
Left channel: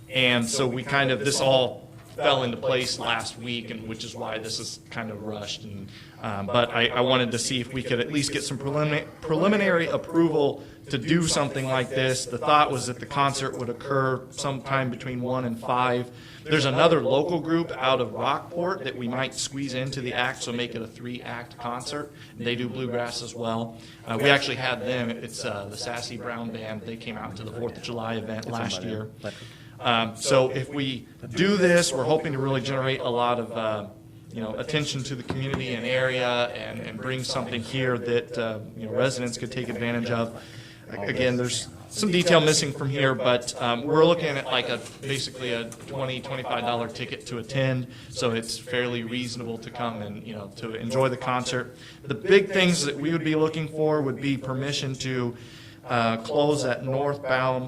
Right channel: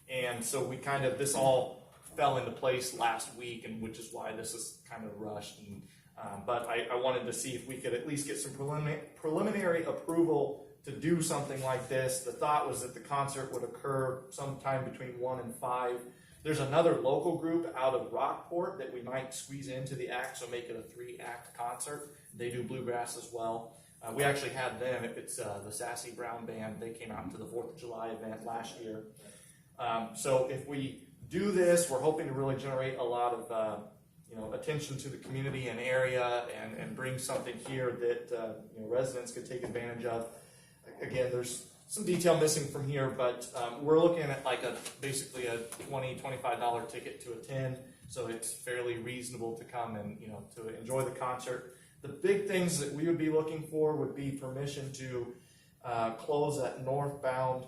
And so we kind of, this all fell into place last week, and which is why this is kind of rushed. And, but I wanted to see if we could at least get some preliminary approval to do something like this. The thought was that the concert would occur sometime between 1 and 5. There's another local group out of Rockport that we might squeeze into the act, so make it a 3-act concert. They do bluegrass as well. We actually had them, it's the Sassy Brown Band. They came out to the 4th of July event last year. So if we do this, we're hoping to really generate a lot of attention to the community and area and bring something here that residents could take advantage of. Again, there's some detail missing from here, but we're looking at like basically a $25 ticket to attend, so it's fairly reasonable to come and, to enjoy the concert. The big things that we would be looking for would be permission to close that northbound